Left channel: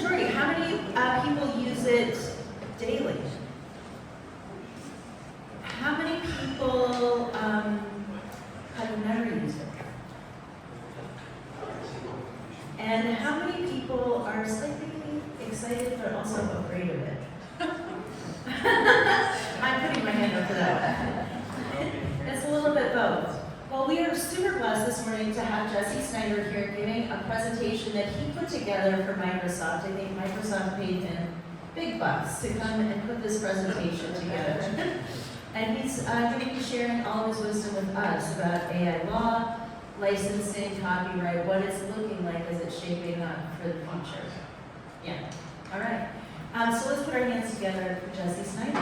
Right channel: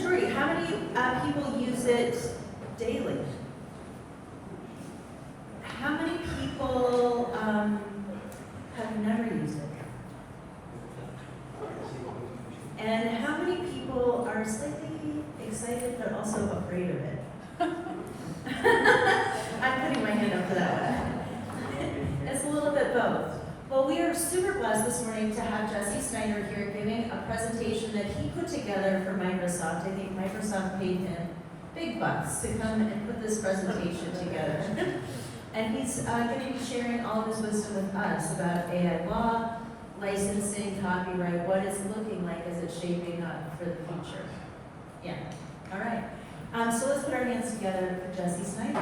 majority. How many people use it daily? How many people have never used it? And how many people are slightly excited but also afraid of it? I'm putting my hand up for that one. It's a little bit both. Well, we are super blessed this morning to have Jesse Snyder here giving a presentation that he put together for Microsoft. I think Microsoft paid him big bucks to come and put this presentation together. And he's going to be sharing all of his wisdom with us about AI law, licensing, copyright, what it's looking like as it's shaping up for the future. Yeah, all right. So let's put our hands together for Jesse Snyder.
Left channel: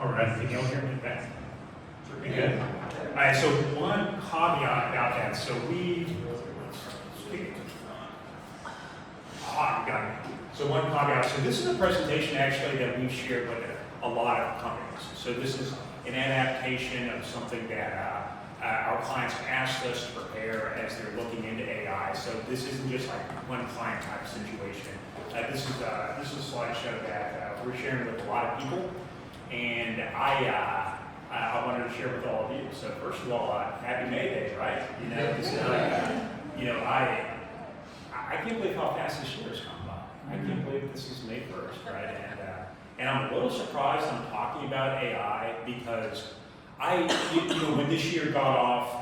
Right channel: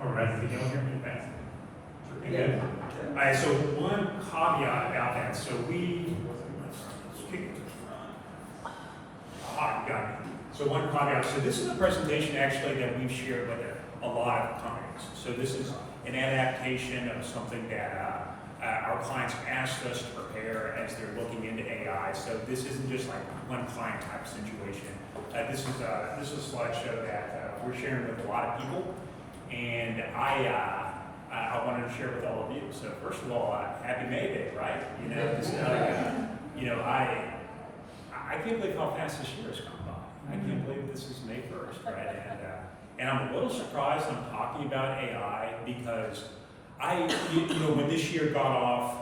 All right, can you all hear me back? Good. All right, so one caveat about that. So So one caveat. So this is a presentation actually that we've shared with a lot of companies. So this is an adaptation of something that our clients asked us to prepare as they're looking into AI. So this isn't just like one client type situation. This is a slideshow that we're sharing with a lot of people, and I wanted to share with all of you. So first of all, happy May Day, right? You know, this is I can't believe how fast this year has come by. I can't believe this is May 1st, right? And I'm a little surprised I'm talking about AI because when this year got off,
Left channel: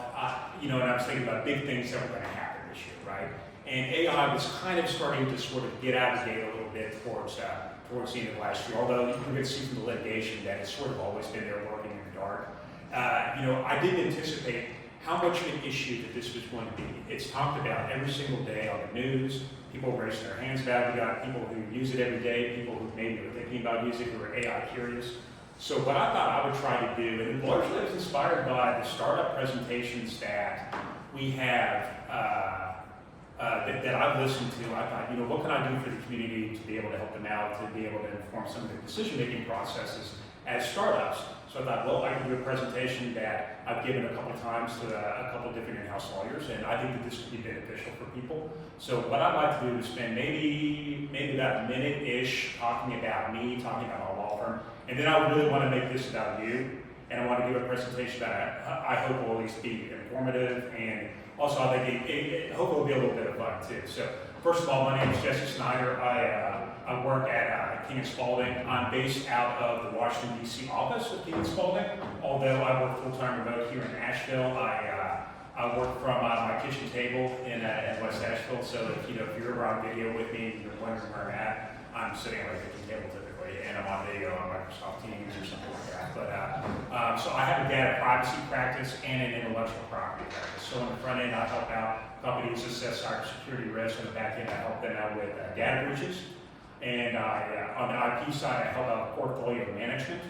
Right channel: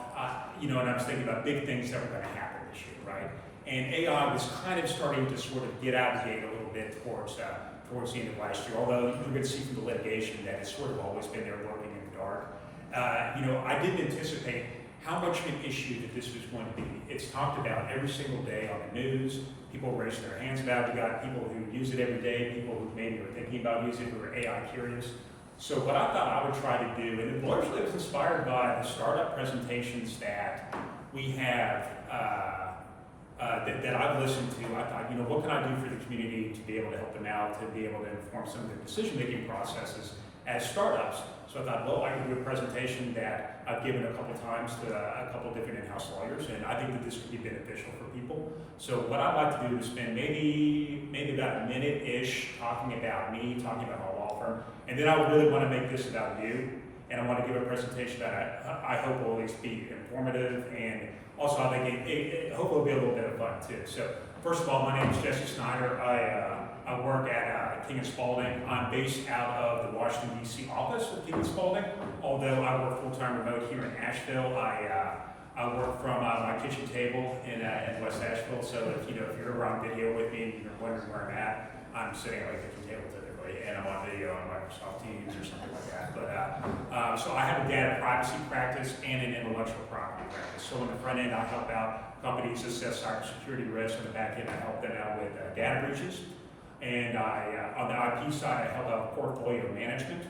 and I was thinking about big things that were going to happen this year, right? And AI was kind of starting to sort of get out of the gate a little bit towards the end of last year. Although you can see from the litigation that it's sort of always been there lurking in the dark. I didn't anticipate how much of an issue that this was going to be. It's talked about every single day on the news. People raising their hands about it. We got people who use it every day, people who maybe are thinking about using it, who are AI curious. So what I thought I would try to do, and largely it was inspired by the startup presentations that we have, that I've listened to. I thought, what can I do for the community to be able to help them out, to be able to inform some of the decision-making processes as startups. So I thought, well, I can do a presentation that I've given a couple times to a couple different in-house lawyers, and I think that this could be beneficial for people. So what I'd like to do is spend maybe about a minute-ish talking about me, talking about my law firm, and then I really want to make this about you, and I want to give a presentation that I hope will at least be informative, and also I think it hopefully will be a little bit of fun too. So first of all, my name is Jesse Snyder. I work at King Spalding. I'm based out of the Washington, D.C. office of King Spalding, although I work full-time remote here in Asheville. I work from my kitchen table in West Asheville, so if you're ever on video with me and you're wondering where I'm at, I'm sitting at my kitchen table typically, and I'm on video on Microsoft Teams or something like that. But so I have a data privacy practice and an intellectual property practice. So on the front end, I help out companies assess cybersecurity risk. On the back end, I help them out with data breaches. And on the IP side, I help out portfolio management,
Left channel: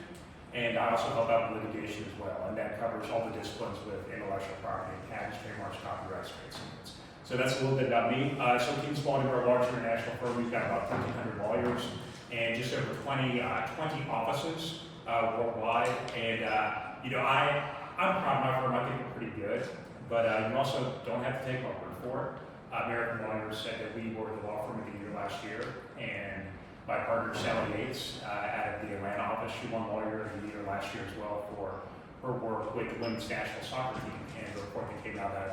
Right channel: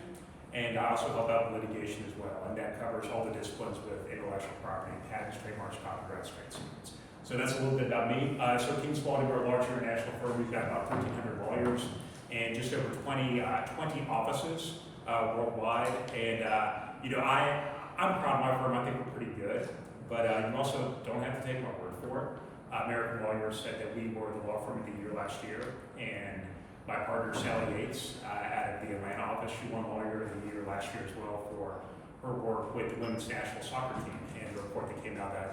and I also help out with litigation as well. And that covers all the disciplines with intellectual property, patents, trademarks, copyrights, trade secrets. So that's a little bit about me. So King Spalding, we're a large international firm. We've got about 1,300 lawyers and just over 20 offices worldwide. And I'm proud of my firm. I think we're pretty good. But you also don't have to take my word for it. American Lawyers said that we were the law firm of the year last year, and my partner Sally Yates out of the Atlanta office, she won Lawyer of the Year last year as well for her work with the women's national soccer team, and the report that came out that I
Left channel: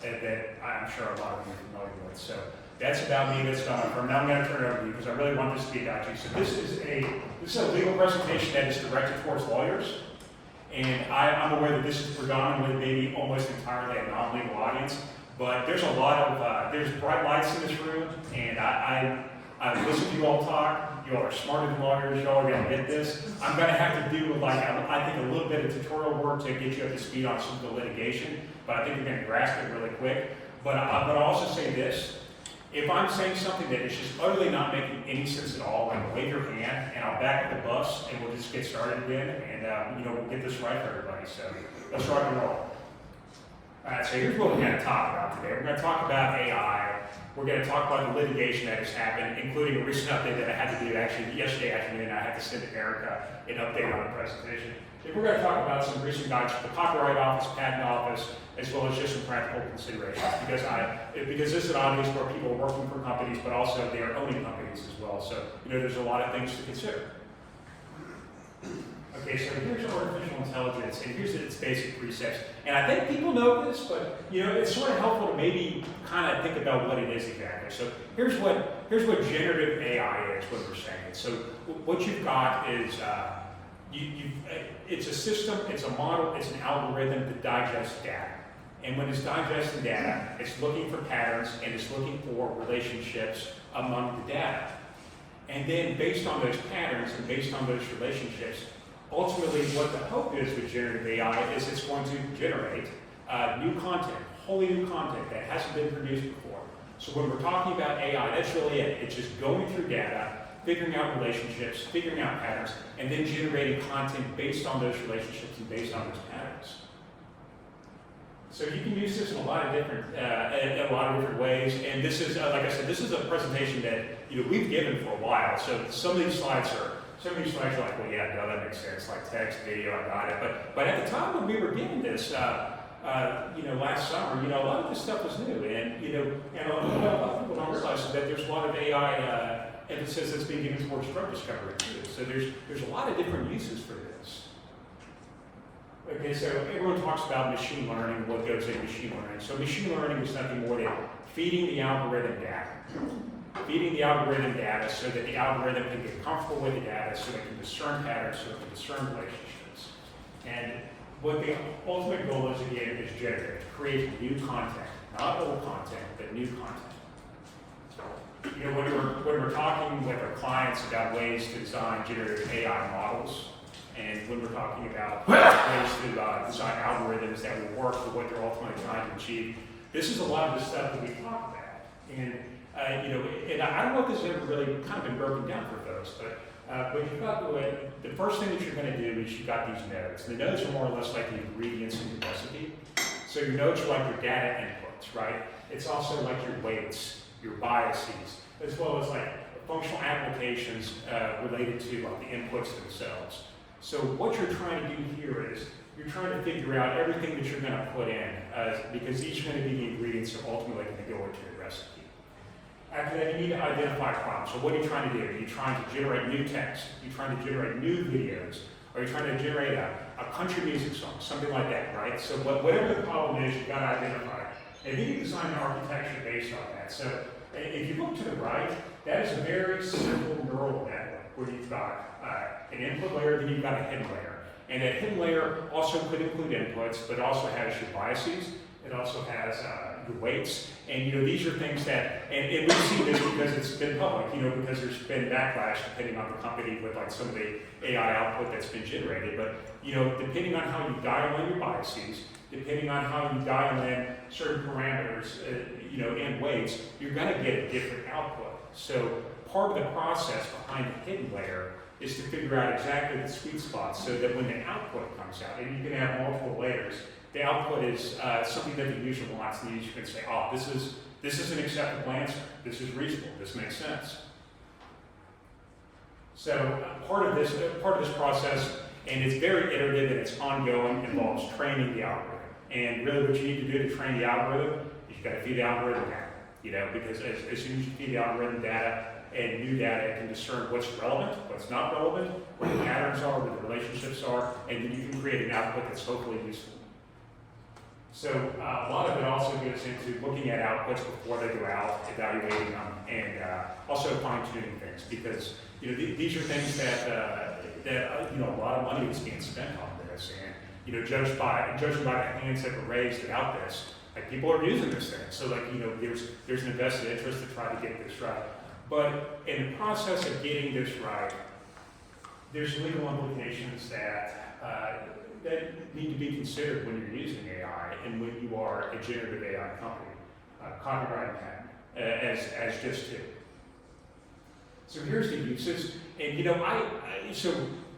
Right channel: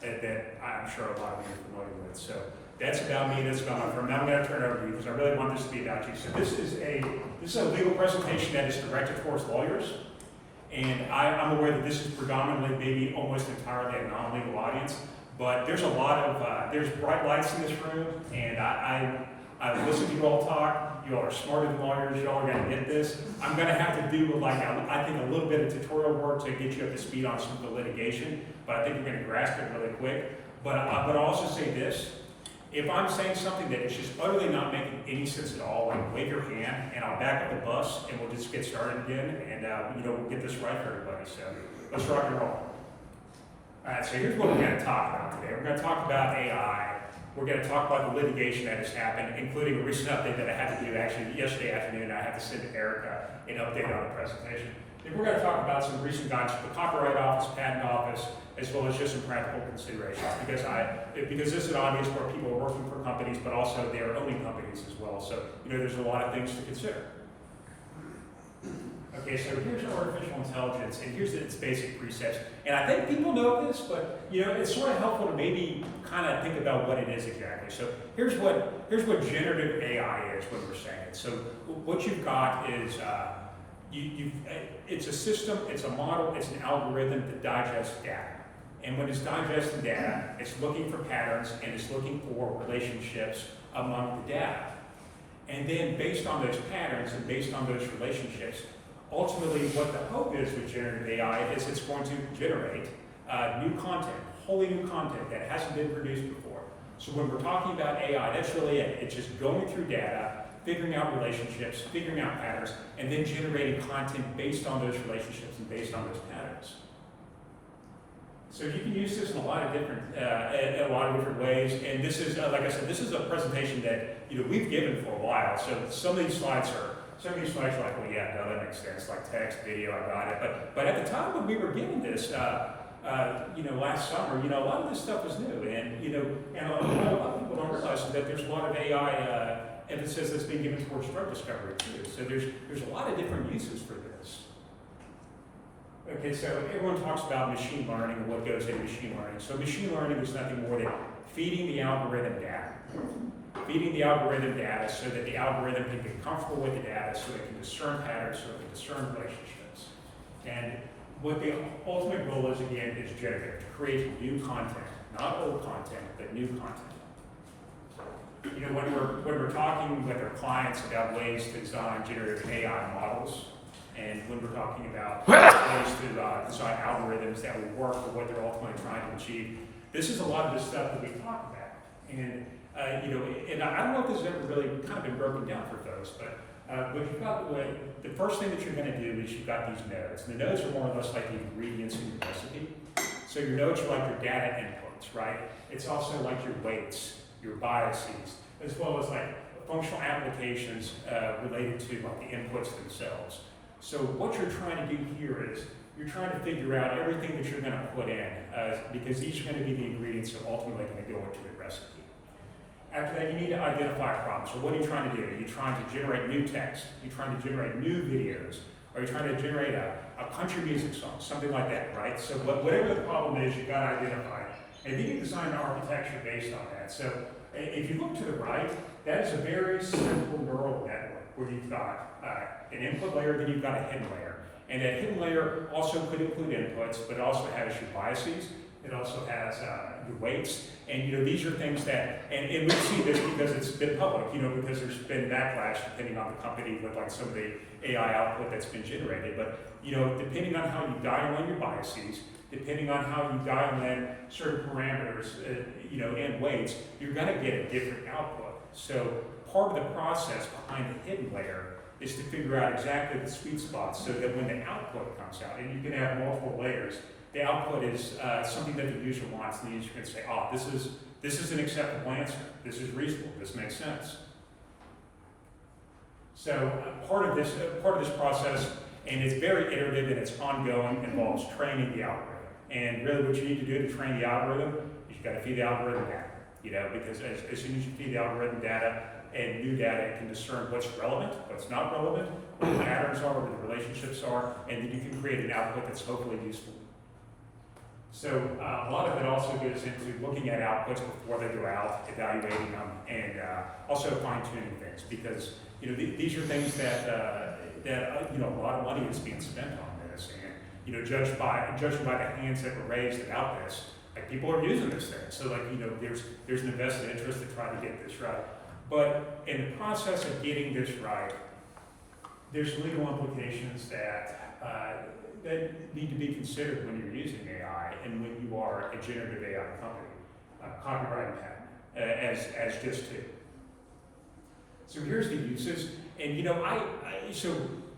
think that I'm sure a lot of you are familiar with. So that's about me, that's about my firm. Now I'm going to turn it over to you because I really want this to be about you. So this is a legal presentation that is directed towards lawyers, and I'm aware that this is predominantly, maybe almost entirely a non-legal audience. But there's a lot of, there's bright lights in this room, and I listen to you all talk. You all are smarter than lawyers. You all are going to get this. I'm going to have to do, I think, a little bit of tutorial work to get you up to speed on some of the litigation, but I think you're going to grasp it really quick. But I'll also say this. If I'm saying something that is just utterly not making any sense at all, wave your hand, and I'll back up the bus, and we'll just get started again, and we'll get this right for everybody. So let's rock and roll. All right, so here's what we're going to talk about today. We're going to talk about AI. We're going to talk about the litigation that has happened, including a recent update that I had to do actually yesterday afternoon. I had to send to Erica an update on the presentation. And we're going to talk about some recent guidance from the Copyright Office, Patent Office, as well as just some practical considerations, because this is an audience where people are working for companies, but also they are owning companies as well. So, there's a lot of things to consider. Okay, so here's artificial intelligence, and here's its basic precepts. And I think people know this, but it's sort of helpful to maybe kind of think about what it is exactly. So here's what generative AI is when we're saying it. So what you've got is it's a system, it's a model, it's an algorithm that digests data. And when it's digesting data, it's looking for patterns and it's looking for relationships among the data. And then based on those patterns and based on those relationships, ultimately what the hope is with generative AI is it's going to generate new content, wholly new content that hasn't been produced before. So when we're talking about AI, that's really it. It's just going through data, figuring out relationships, figuring out patterns, and then generating content based on those relationships and based on those patterns. So you can use this in a lot of different ways. And this is, like I said, this is a presentation that we've given for a while. So some of these slides are like, well, yeah, no, that makes sense. Like text, video, I got it. But at the time when we were given this, last summer, a lot of this stuff was new, and and a lot of people don't realize that there's a lot of AI emphasis that's being given towards drug discovery too. So there's a lot of different uses for this. Okay, so everyone talks about machine learning and what goes into machine learning. So machine learning is nothing more than feeding the algorithm data. Feeding the algorithm data so that the algorithm can get comfortable with the data, so it can discern patterns, so it can discern relationships. And what the ultimate goal is, again, is generative, to create new content, not old content, but new content. When we're talking with our clients about ways to design generative AI models, and when we're talking about ways to design algorithms that will work for what they're ultimately trying to achieve, this is a lot of the stuff that we talk about. And and I don't know if this has ever really kind of been broken down for folks, but you've got the first thing that you're going to do is you've got these nodes. And the nodes are more or less like the ingredients in the recipe. So your nodes are like your data inputs, right? It's also like your weights, your biases, as well as like functional applications related to like the inputs themselves. So what you're trying to do here is you're trying to figure out everything that you're going to put in, because these are going to be the ingredients that are ultimately going to go into the recipe. After that, you need to identify a problem. So what are you trying to do? Are you trying to generate new text? Are you trying to generate new videos? Are you trying to generate a country music song? Something like that, right? So whatever the problem is, you've got to identify it. And you can design an architecture based on that. So if you look to the right, that is a very simple neural network where you've got an input layer, then you've got a hidden layer. And that hidden layer also could include inputs, but it also has your biases. It also has your weights, and these are things that, and we see this because it's been public, because there's been backlash depending on the company with like some of the AI output that's been generated. But depending on how you dial in your biases, depending on how you dial in certain parameters, and weights, you're going to get a different output. So part of the process behind the hidden layer is to figure out exactly the sweet spot so that when the output comes out, and you can have multiple layers, the output is something that the user wants, and the user can say, oh, this is an acceptable answer, this is reasonable, this makes sense. So part of this process, and it's very iterative and it's ongoing, involves training the algorithm. And really what you need to do to train the algorithm is you've got to feed the algorithm data, because as soon as you feed the algorithm data, and new data, it can discern what's relevant, what's not relevant, what the patterns are, what the relationships are, and then you can create an output that's hopefully useful. So a lot of it also gets into looking at outputs before they go out, evaluating them, and also fine-tuning things, because these are things that a lot of money is being spent on this, and judging by the hands that were raised about this, like people are using this thing. So there's an invested interest to try to get this right. But in the process of getting this right, there's legal implications that need to be considered when you're using AI and when you are a generative AI company, copyright and patent, as just two. So here's the uses, and so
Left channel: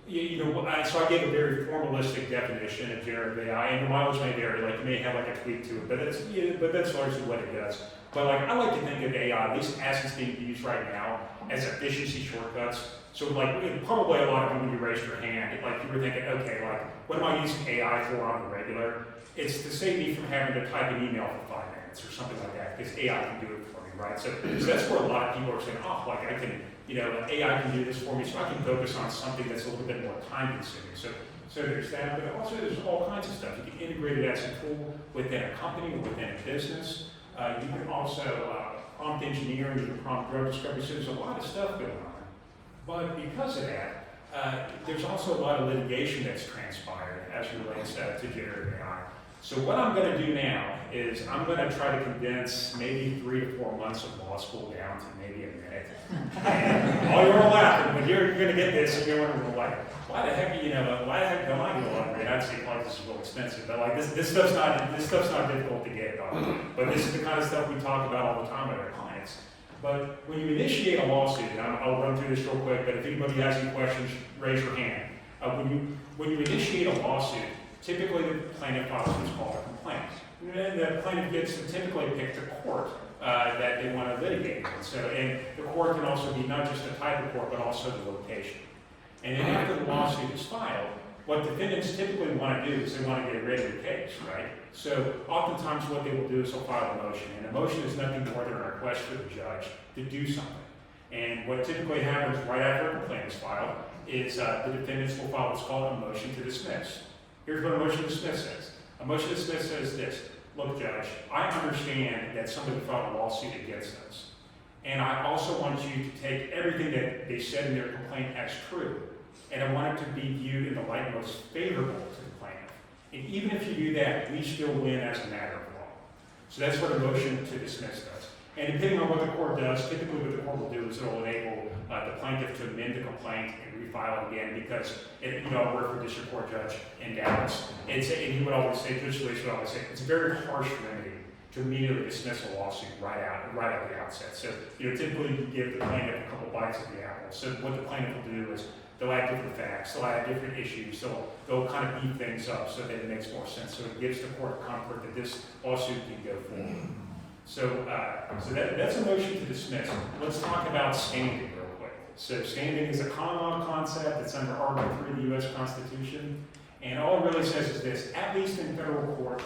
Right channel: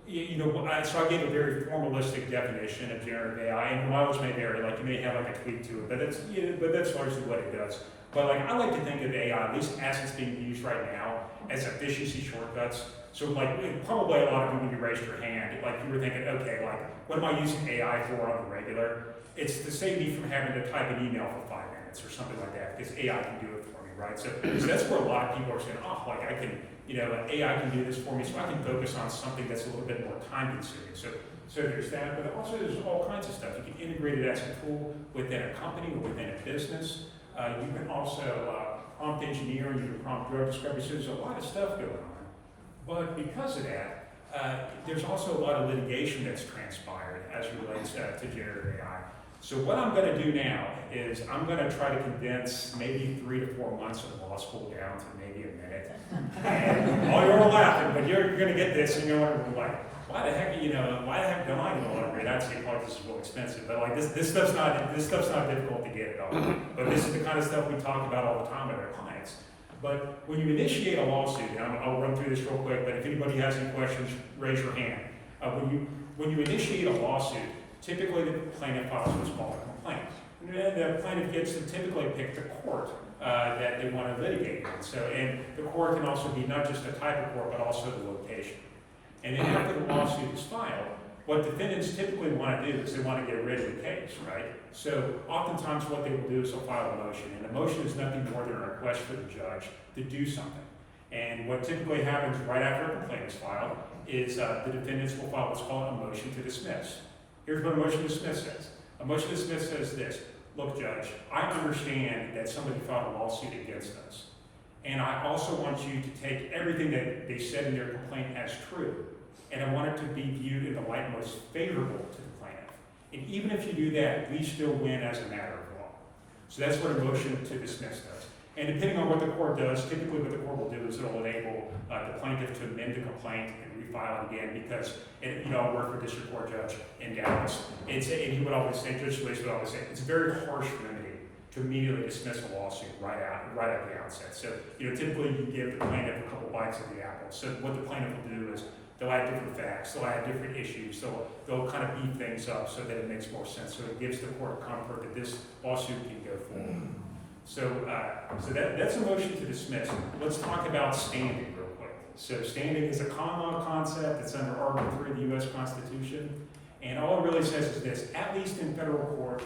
So I gave a very formalistic definition of generative AI, and your mileage may vary. Like you may have like a tweak to it, but that's largely what it does. But like I like to think of AI, at least as it's being used right now, as efficiency shortcuts. So like probably a lot of you when you raised your hand, like you were thinking, okay, like what am I using AI for on the regular? It's to save me from having to type an email for 5 minutes or something like that, because AI can do it for me, right? So that's where a lot of people are saying, oh, like I can, AI can do this for me, so I can focus on something that's a little bit more time consuming. So there's that, but also there's all kinds of stuff. You can integrate it as a tool within a company or within a business. You can also prompt engineering, you can prompt drug discovery, so there's a lot of stuff going on. But because of that, there's also a lot of litigation that's transpired as it relates to generative AI. So what I'm going to do now is I'm going to try to condense maybe 3 to 4 months of law school down to maybe a minute. And all you're laughing, but you're going to get this, and you're wondering, like, why the heck don't I get a law degree? I'd say probably this is real expensive, but like this stuff's not difficult to get at all. But this is the kind of stuff we talk about all the time with our clients. But when you initiate a lawsuit, and I'll run through this real quick, but if anybody has any questions, raise your hand. When you initiate a lawsuit, typically the plaintiff files what's called a complaint. And then the plaintiff gets to typically pick the court that they want to litigate in. And the court can also be not just the type of court, but also the location. And then after the lawsuit is filed, what defendants typically want to do is they want to get rid of the case, right? So oftentimes what they will do is they'll file a motion, and a motion is nothing more than a request for the judge to do something. And what typically happens right after a complaint is filed is the defendants will file what's called a motion to dismiss. Here's what a motion to dismiss says. A motion to dismiss says this: look, Judge, I understand that somebody filed a lawsuit against us, and I also want you to take everything that they said in their complaint as true, and I want it to be viewed in the light most favorable to the plaintiff. And even if you do that, we still win as a matter of law. So that's what a motion to dismiss does. And depending on what the court does, typically what the court will do is it will enable the plaintiff to amend the complaint and refile it again, because I work for a district court judge in Dallas, and he would always say, Judge Lewis would always say, it's a very harsh remedy to immediately dismiss a lawsuit right at the outset. So typically you give the plaintiff a couple bites of the apple. So what the plaintiff will do is they'll add different facts, they'll add different issues, they'll kind of beef things up so that it makes more sense. So it gives the court comfort that this lawsuit can go forward. So that's a motion to dismiss. Let's talk about standing real quick. So standing is a common law concept. It's under Article 3 of the U.S. Constitution. And all it really says is this: at least in federal court,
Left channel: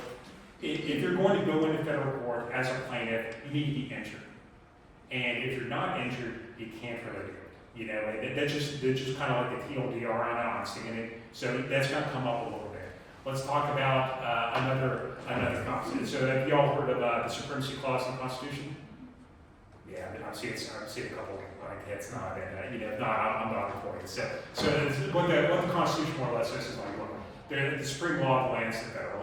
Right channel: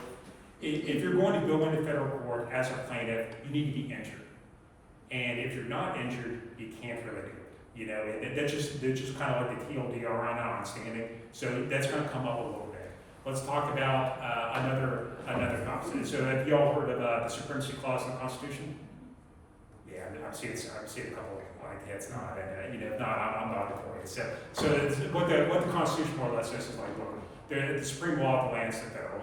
if you're going to go into federal court as a plaintiff, you need to be injured. And if you're not injured, you can't really do it. That's just kind of like the TLDR on standing. So that's going to come up a little bit. Let's talk about another concept. So have you all heard of the Supremacy Clause in the Constitution? Yeah, I've seen a couple like heads nod, and if not, I'm nodding for you. So what the Constitution more or less says is like, look, the supreme law lands the federal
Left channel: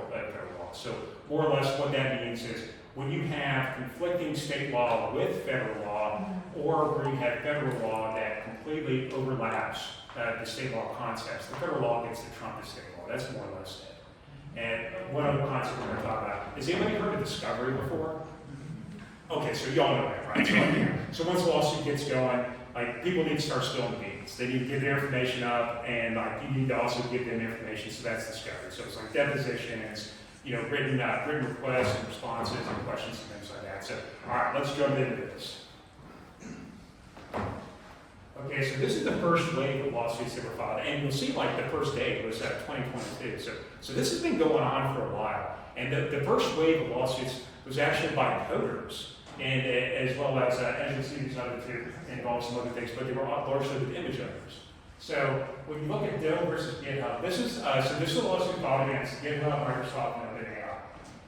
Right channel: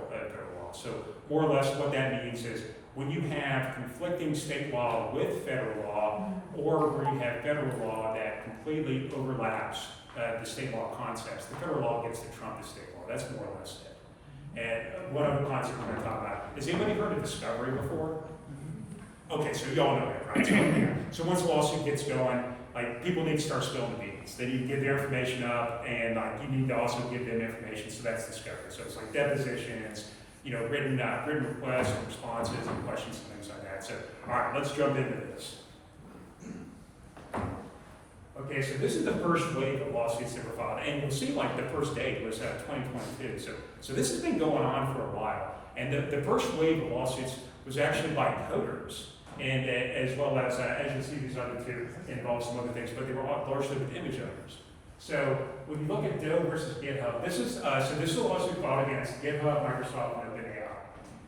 law. So more or less what that means is when you have conflicting state law with federal law, or where you have federal law that completely overlaps the state law concepts, the federal law gets to trump the state law. That's more or less it. And one other concept we're going to talk about, has anybody heard of discovery before? Okay, so y'all know that, right? So once a lawsuit gets going, like people need to start spilling the beans. They need to get their information up, and like you need to also give them information. So that's discovery. So it's like depositions, written requests and responses and questions and things like that. So all right, let's jump into this. Okay, so this is the first wave of lawsuits that were filed, and you'll see like the first date was 2022. So this has been going on for a while, and the first wave of lawsuits was actually by coders, and as well as you see, these other two involve some other things, but they were largely with image owners. So when you look at Doe versus GitHub, this is a lawsuit filed against GitHub, Microsoft, and OpenAI.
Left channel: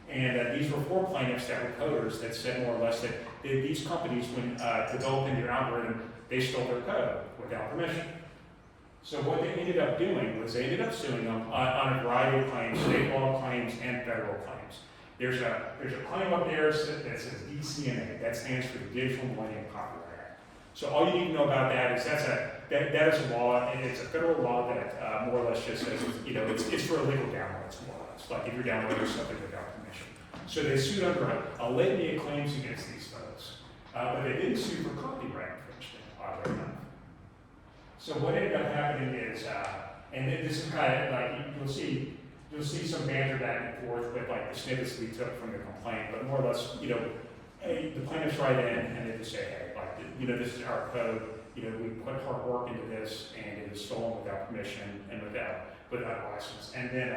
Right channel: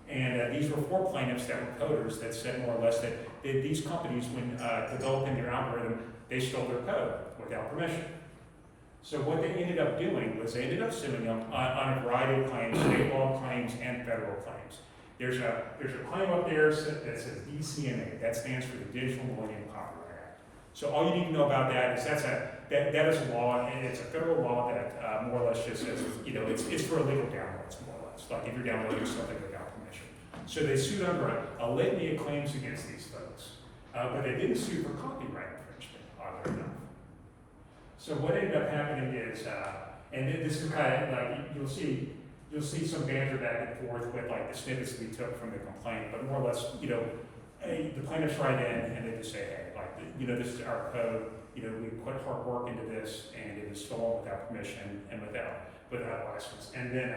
And these were 4 plaintiffs that were coders that said more or less that these companies, when developing their algorithm, they stole their code without permission. So what they ended up doing was they ended up suing them on a variety of claims, state law claims and federal claims. There's a claim up there that says DCMA. That stands for the Digital Millennium Copyright Act. So all you need to know about that is that is a law, and it's a federal law that more or less just says, it's for illegal downloads, more or less. Like if you're downloading something without permission. So they sued under a litany of claims against these folks. But they didn't sue for copyright infringement, oddly enough. So what ended up happening is And this is kind of like, you'll see some banter back and forth with like the snippets we took from the complaint, but more or less, hey, the plaintiffs write in and they just say, hey, like, this is our code, we put hard work into this and it is stolen without permission and without license. And then,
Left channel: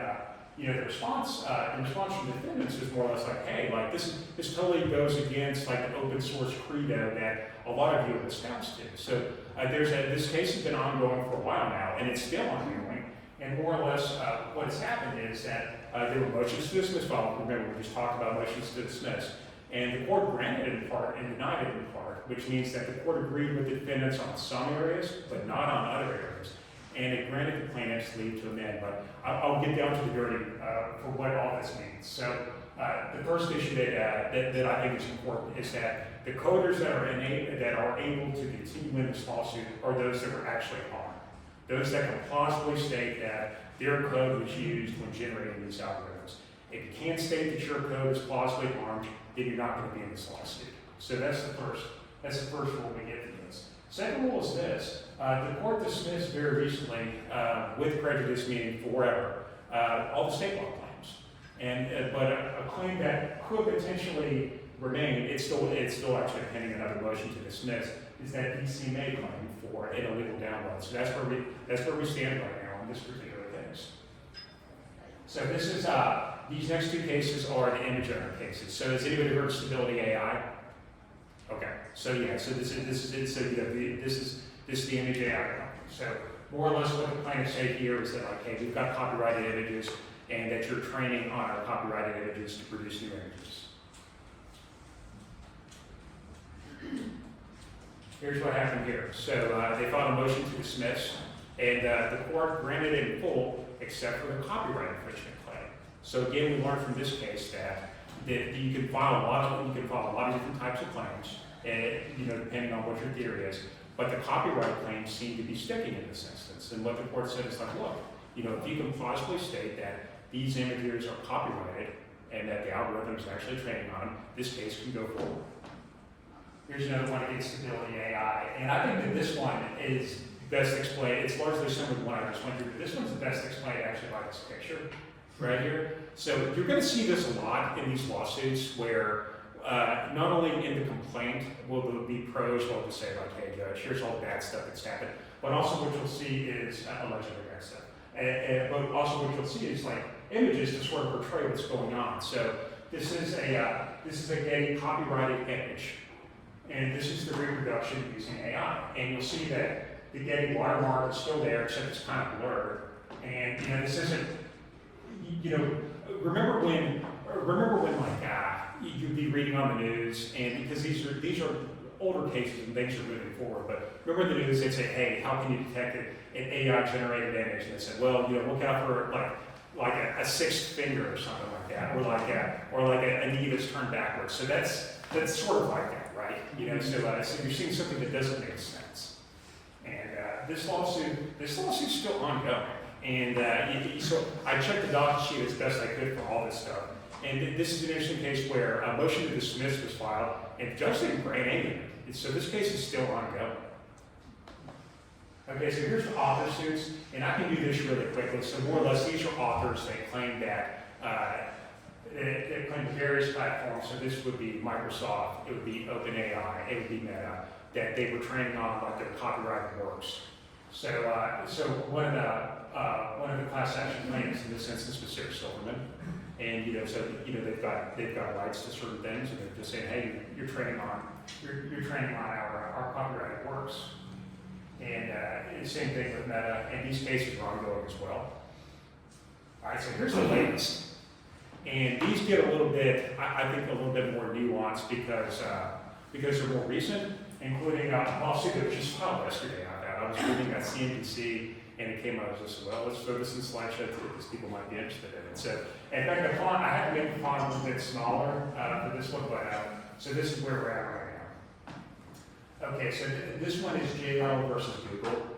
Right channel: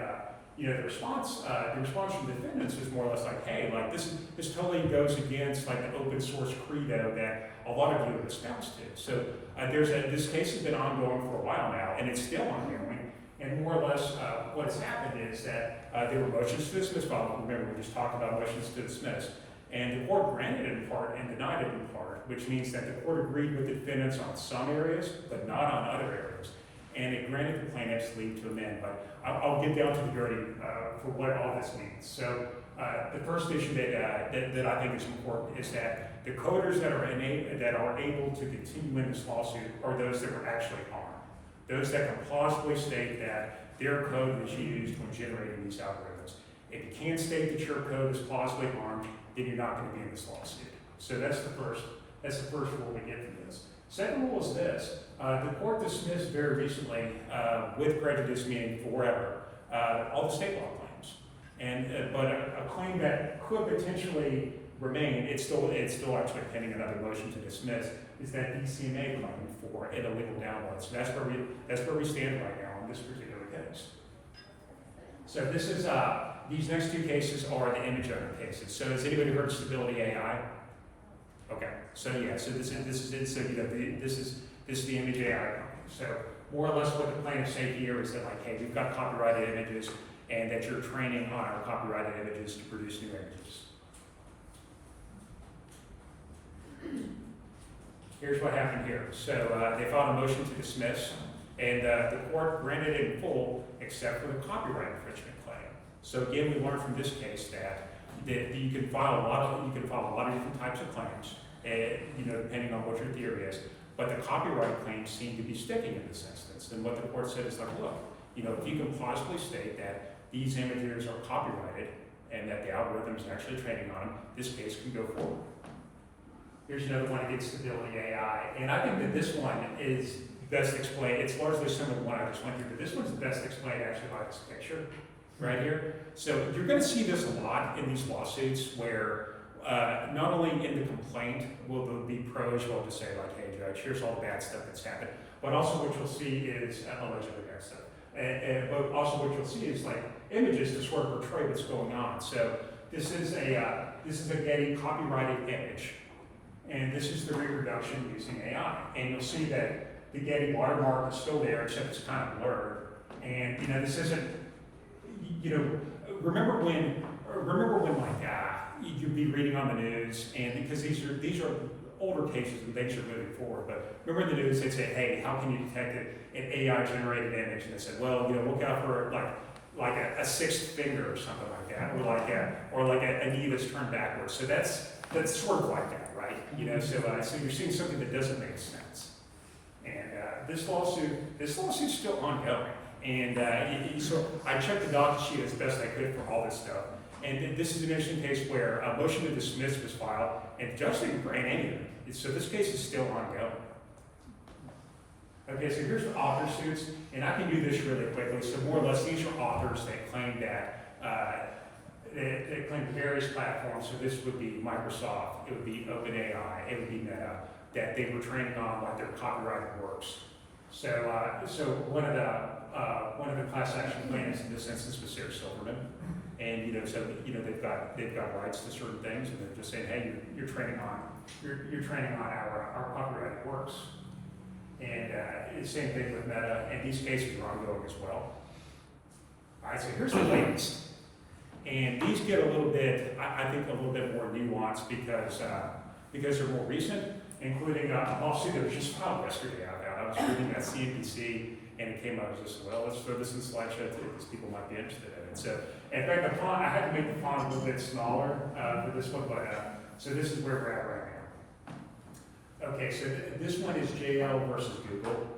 the response from the defendants is more or less like, hey, like this totally goes against like the open source credo that a lot of you have espoused to. So this case has been ongoing for a while now, and it's still ongoing. And more or less, what has happened is that there were motions to dismiss filed. Remember, we just talked about motions to dismiss, and the court granted it in part and denied it in part, which means that the court agreed with the defendants on some areas, but not on other areas. And it granted the plaintiffs leave to amend, but I'll get down to the dirty for what all this means. So the first issue that I think is important is that the coders that are able to continue in this lawsuit are those that were actually harmed. Those that can plausibly state that their code was used when generating these algorithms. If you can't state that your code is plausibly harmed, then you're not going to be in this lawsuit. So that's the first rule we get to this. Second rule is this. The court dismissed very recently, with prejudice meaning forever, all the state law claims. But a claim that could potentially remain, it's still actually pending another motion to dismiss, is that DCMA claim for an illegal download. So that's where we stand right now in this particular case. So this is these next two cases are the image owner cases. So has anybody heard of Stability AI? Okay. So yeah. So this is the image AI company. So more or less what the plaintiffs say here is that like, hey, we've got copyrighted images, and that you're training on our copyrighted images to produce new images. Here's what happened here. So they filed a motion to dismiss, and the court granted it in full, except for the copyright infringement claim. So again, we learned from this case that you can file a lot of different types of claims, depending on what your theory is. But the copyright claims seem to be sticking in this instance. And what the court said is like, look, if you can plausibly state that these images are copyrighted and that the algorithm is actually training on them, this case can go forward. Here's another one against Stability AI, and I think that this one is best explained. It's largely similar to the one I just went through, but this one's the best explained actually by this picture right here. So you're going to see this a lot in these lawsuits where not only in the complaint will there be pros who will just say like, hey judge, here's all the bad stuff that's happened, but also what you'll see is allegedly bad stuff. But also what you'll see is like images to sort of portray what's going on. So this is a Getty copyrighted image. And this is the reproduction using AI. And you'll see that the Getty watermark is still there, except it's kind of blurred. And this isn't, remember when like you'd be reading on the news, and because these are older cases and things are moving forward, but remember the news, they'd say, hey, how can you detect an AI generated image? And they said, well, look out for like a sixth finger or something like that, or like a knee that's turned backwards. So that's sort of like that. Right? So you're seeing something that doesn't make sense. And this lawsuit's still ongoing. And so I checked the docket sheet as best I could for all this stuff. And this is an interesting case where a motion to dismiss was filed, and the judge didn't grant any of it. So this case is still ongoing. Okay, so here's the author suits, and I can do this really quickly. So more or less, these are authors that claim that they claim various platforms, so this would be Microsoft, it would be OpenAI, it would be Meta, that they were training on like their copyrighted works. So one of the class action claims in this instance was Sarah Silverman, and they've got rights to certain things, and they're just saying, hey, you're training on our copyrighted works, and the same thing with Meta, and these cases are ongoing as well. All right, so here's the latest. And these get a little bit, I think, a little bit more nuanced because they're more recent, including a lawsuit that was just filed yesterday out there. I was reading at CNBC, and it came out as just, well, let's throw this in the slideshow too, because people might be interested in it. So, in fact, I had to make the font a little bit smaller for this one, but so this is where we're at right now. Okay, so this one is JL versus Google.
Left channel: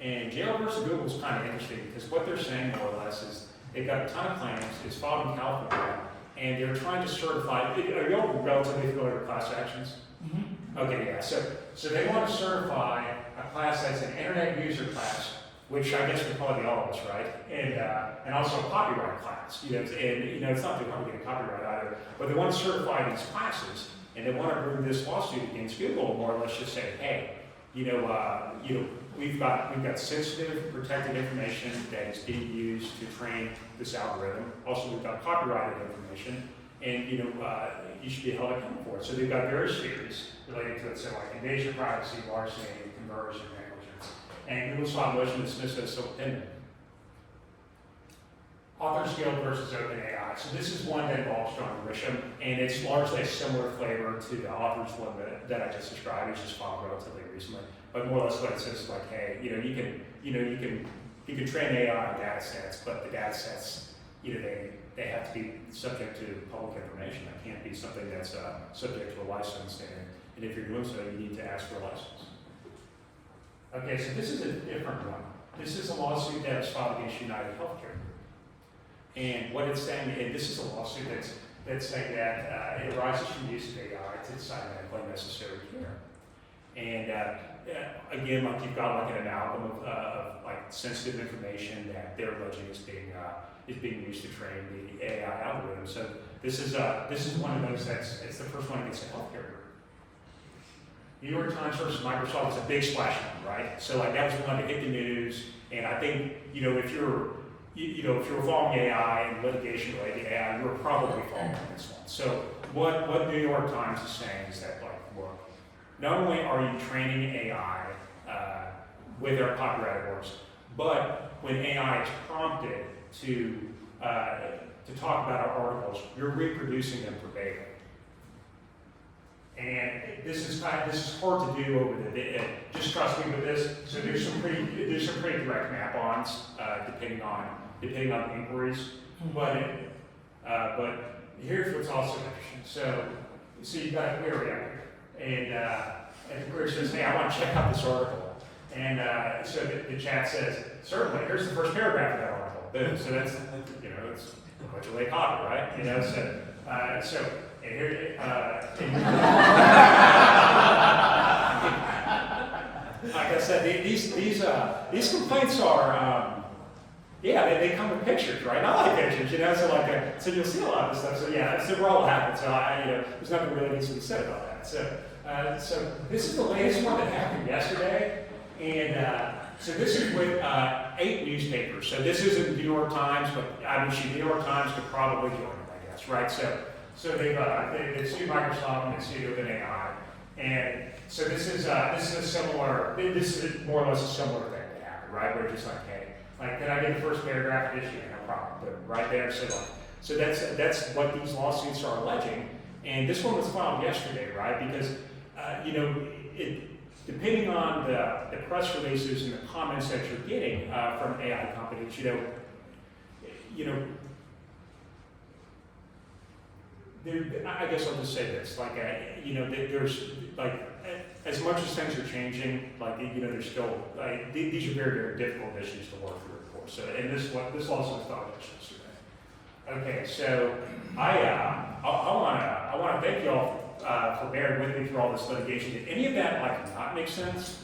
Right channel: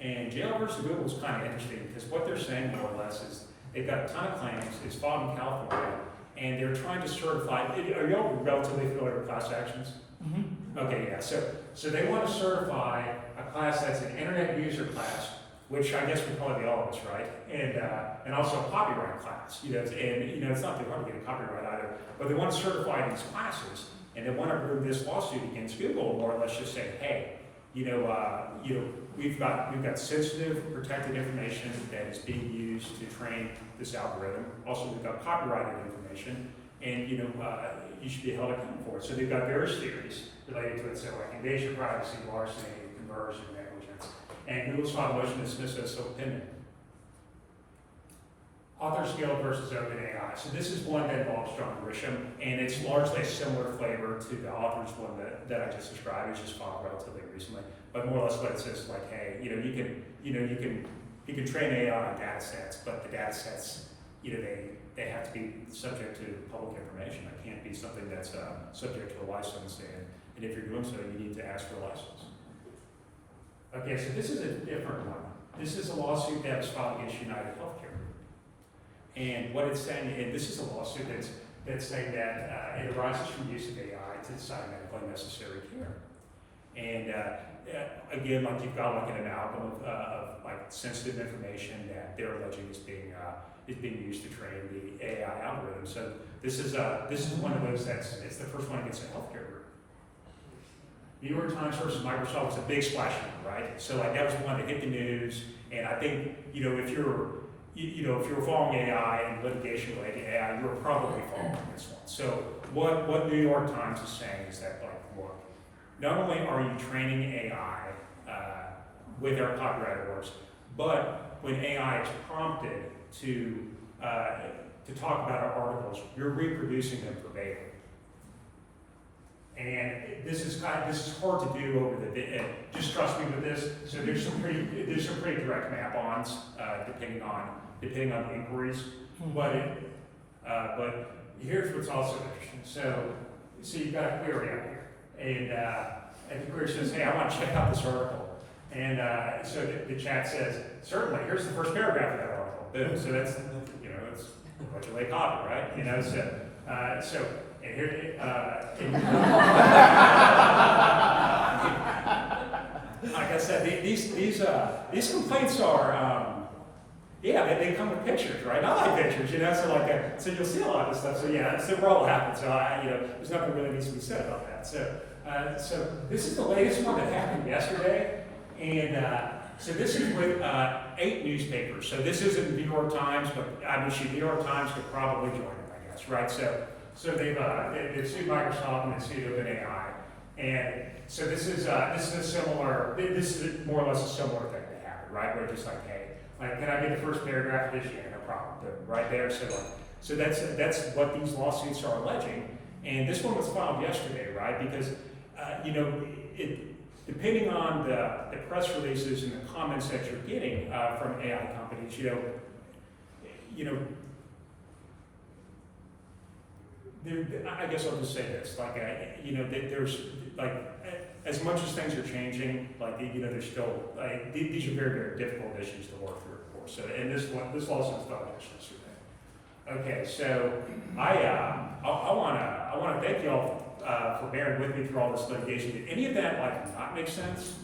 And JL versus Google is kind of interesting because what they're saying more or less is they've got a ton of claims, it's filed in California, and they're trying to certify, are y'all relatively familiar with class actions? Mm-hmm. Okay, yeah, so they want to certify a class that's an internet user class which I guess would probably be all of us, right? And also a copyright class, and it's not too hard to get a copyright either, but they want to certify these classes, and they want to bring this lawsuit against Google, more or less just say, hey, we've got sensitive, protected information that is being used to train this algorithm. Also, we've got copyrighted information, and you should be held accountable for it. So they've got various theories related to it, so like invasion of privacy, larceny, conversion, negligence, and Google filed a motion to dismiss it as still pending. Author scale versus OpenAI. So this is one that involves John Grisham, and it's largely a similar flavor to the author's one that I just described. It's just filed relatively recently, but more or less what it says is like, hey, you can train AI on data sets, but the data sets, they have to be subject to public information. That can't be something that's subject to a license, and if you're doing so, you need to ask for a license. Okay, so this is a different one. This is a lawsuit that was filed against United Healthcare. And what it's saying, and this is a lawsuit that's saying that it arises from the use of AI to decide medically necessary care. And again, like you've got like an amalgam of like sensitive information that they're alleging is being used to train the AI algorithm. So this is one of those it's the first one against a healthcare group. New York Times versus Microsoft is a big splash number, right? So like that was one that hit the news, and I think if you're following AI and litigation related to AI, you're probably following this one. So what New York Times is saying is that like, look, not only are you training AI with our copyrighted works, but when AI is prompted to talk about our articles, you're reproducing them verbatim. And this is hard to do over the. Just trust me with this. So there's some pretty direct map-ons depending on the inquiries. But here's what's also interesting. So you've got a query out here, and the query says, hey, I want to check out this article. And so the chat says, certainly. Here's the first paragraph of that article. Boom. So that's it's allegedly a copy, right? So. And here, like I said, these complaints are, they come with pictures, right? I like pictures, so you'll see a lot of this stuff. So that's we're all happy. So there's nothing really needs to be said about that. So this is the latest one that happened yesterday, and so this is with 8 newspapers. So this isn't the New York Times, but the New York Times could probably join them, I guess, right? So they've sued Microsoft and they sued OpenAI, and so this is more or less a similar thing that happened, right? Where it's just like, hey, can I get the first paragraph of this? Yeah, no problem. But right there, so that's what these lawsuits are alleging, and this one was filed yesterday, right? Because depending on the press releases and the comments that you're getting from AI companies, I guess I'll just say this, there's as much as things are changing, there's still these are very, very difficult issues to work through, of course. So, and this lawsuit is filed yesterday. Okay, so I want to thank you all for bearing with me through all this litigation. Did any of that not make sense?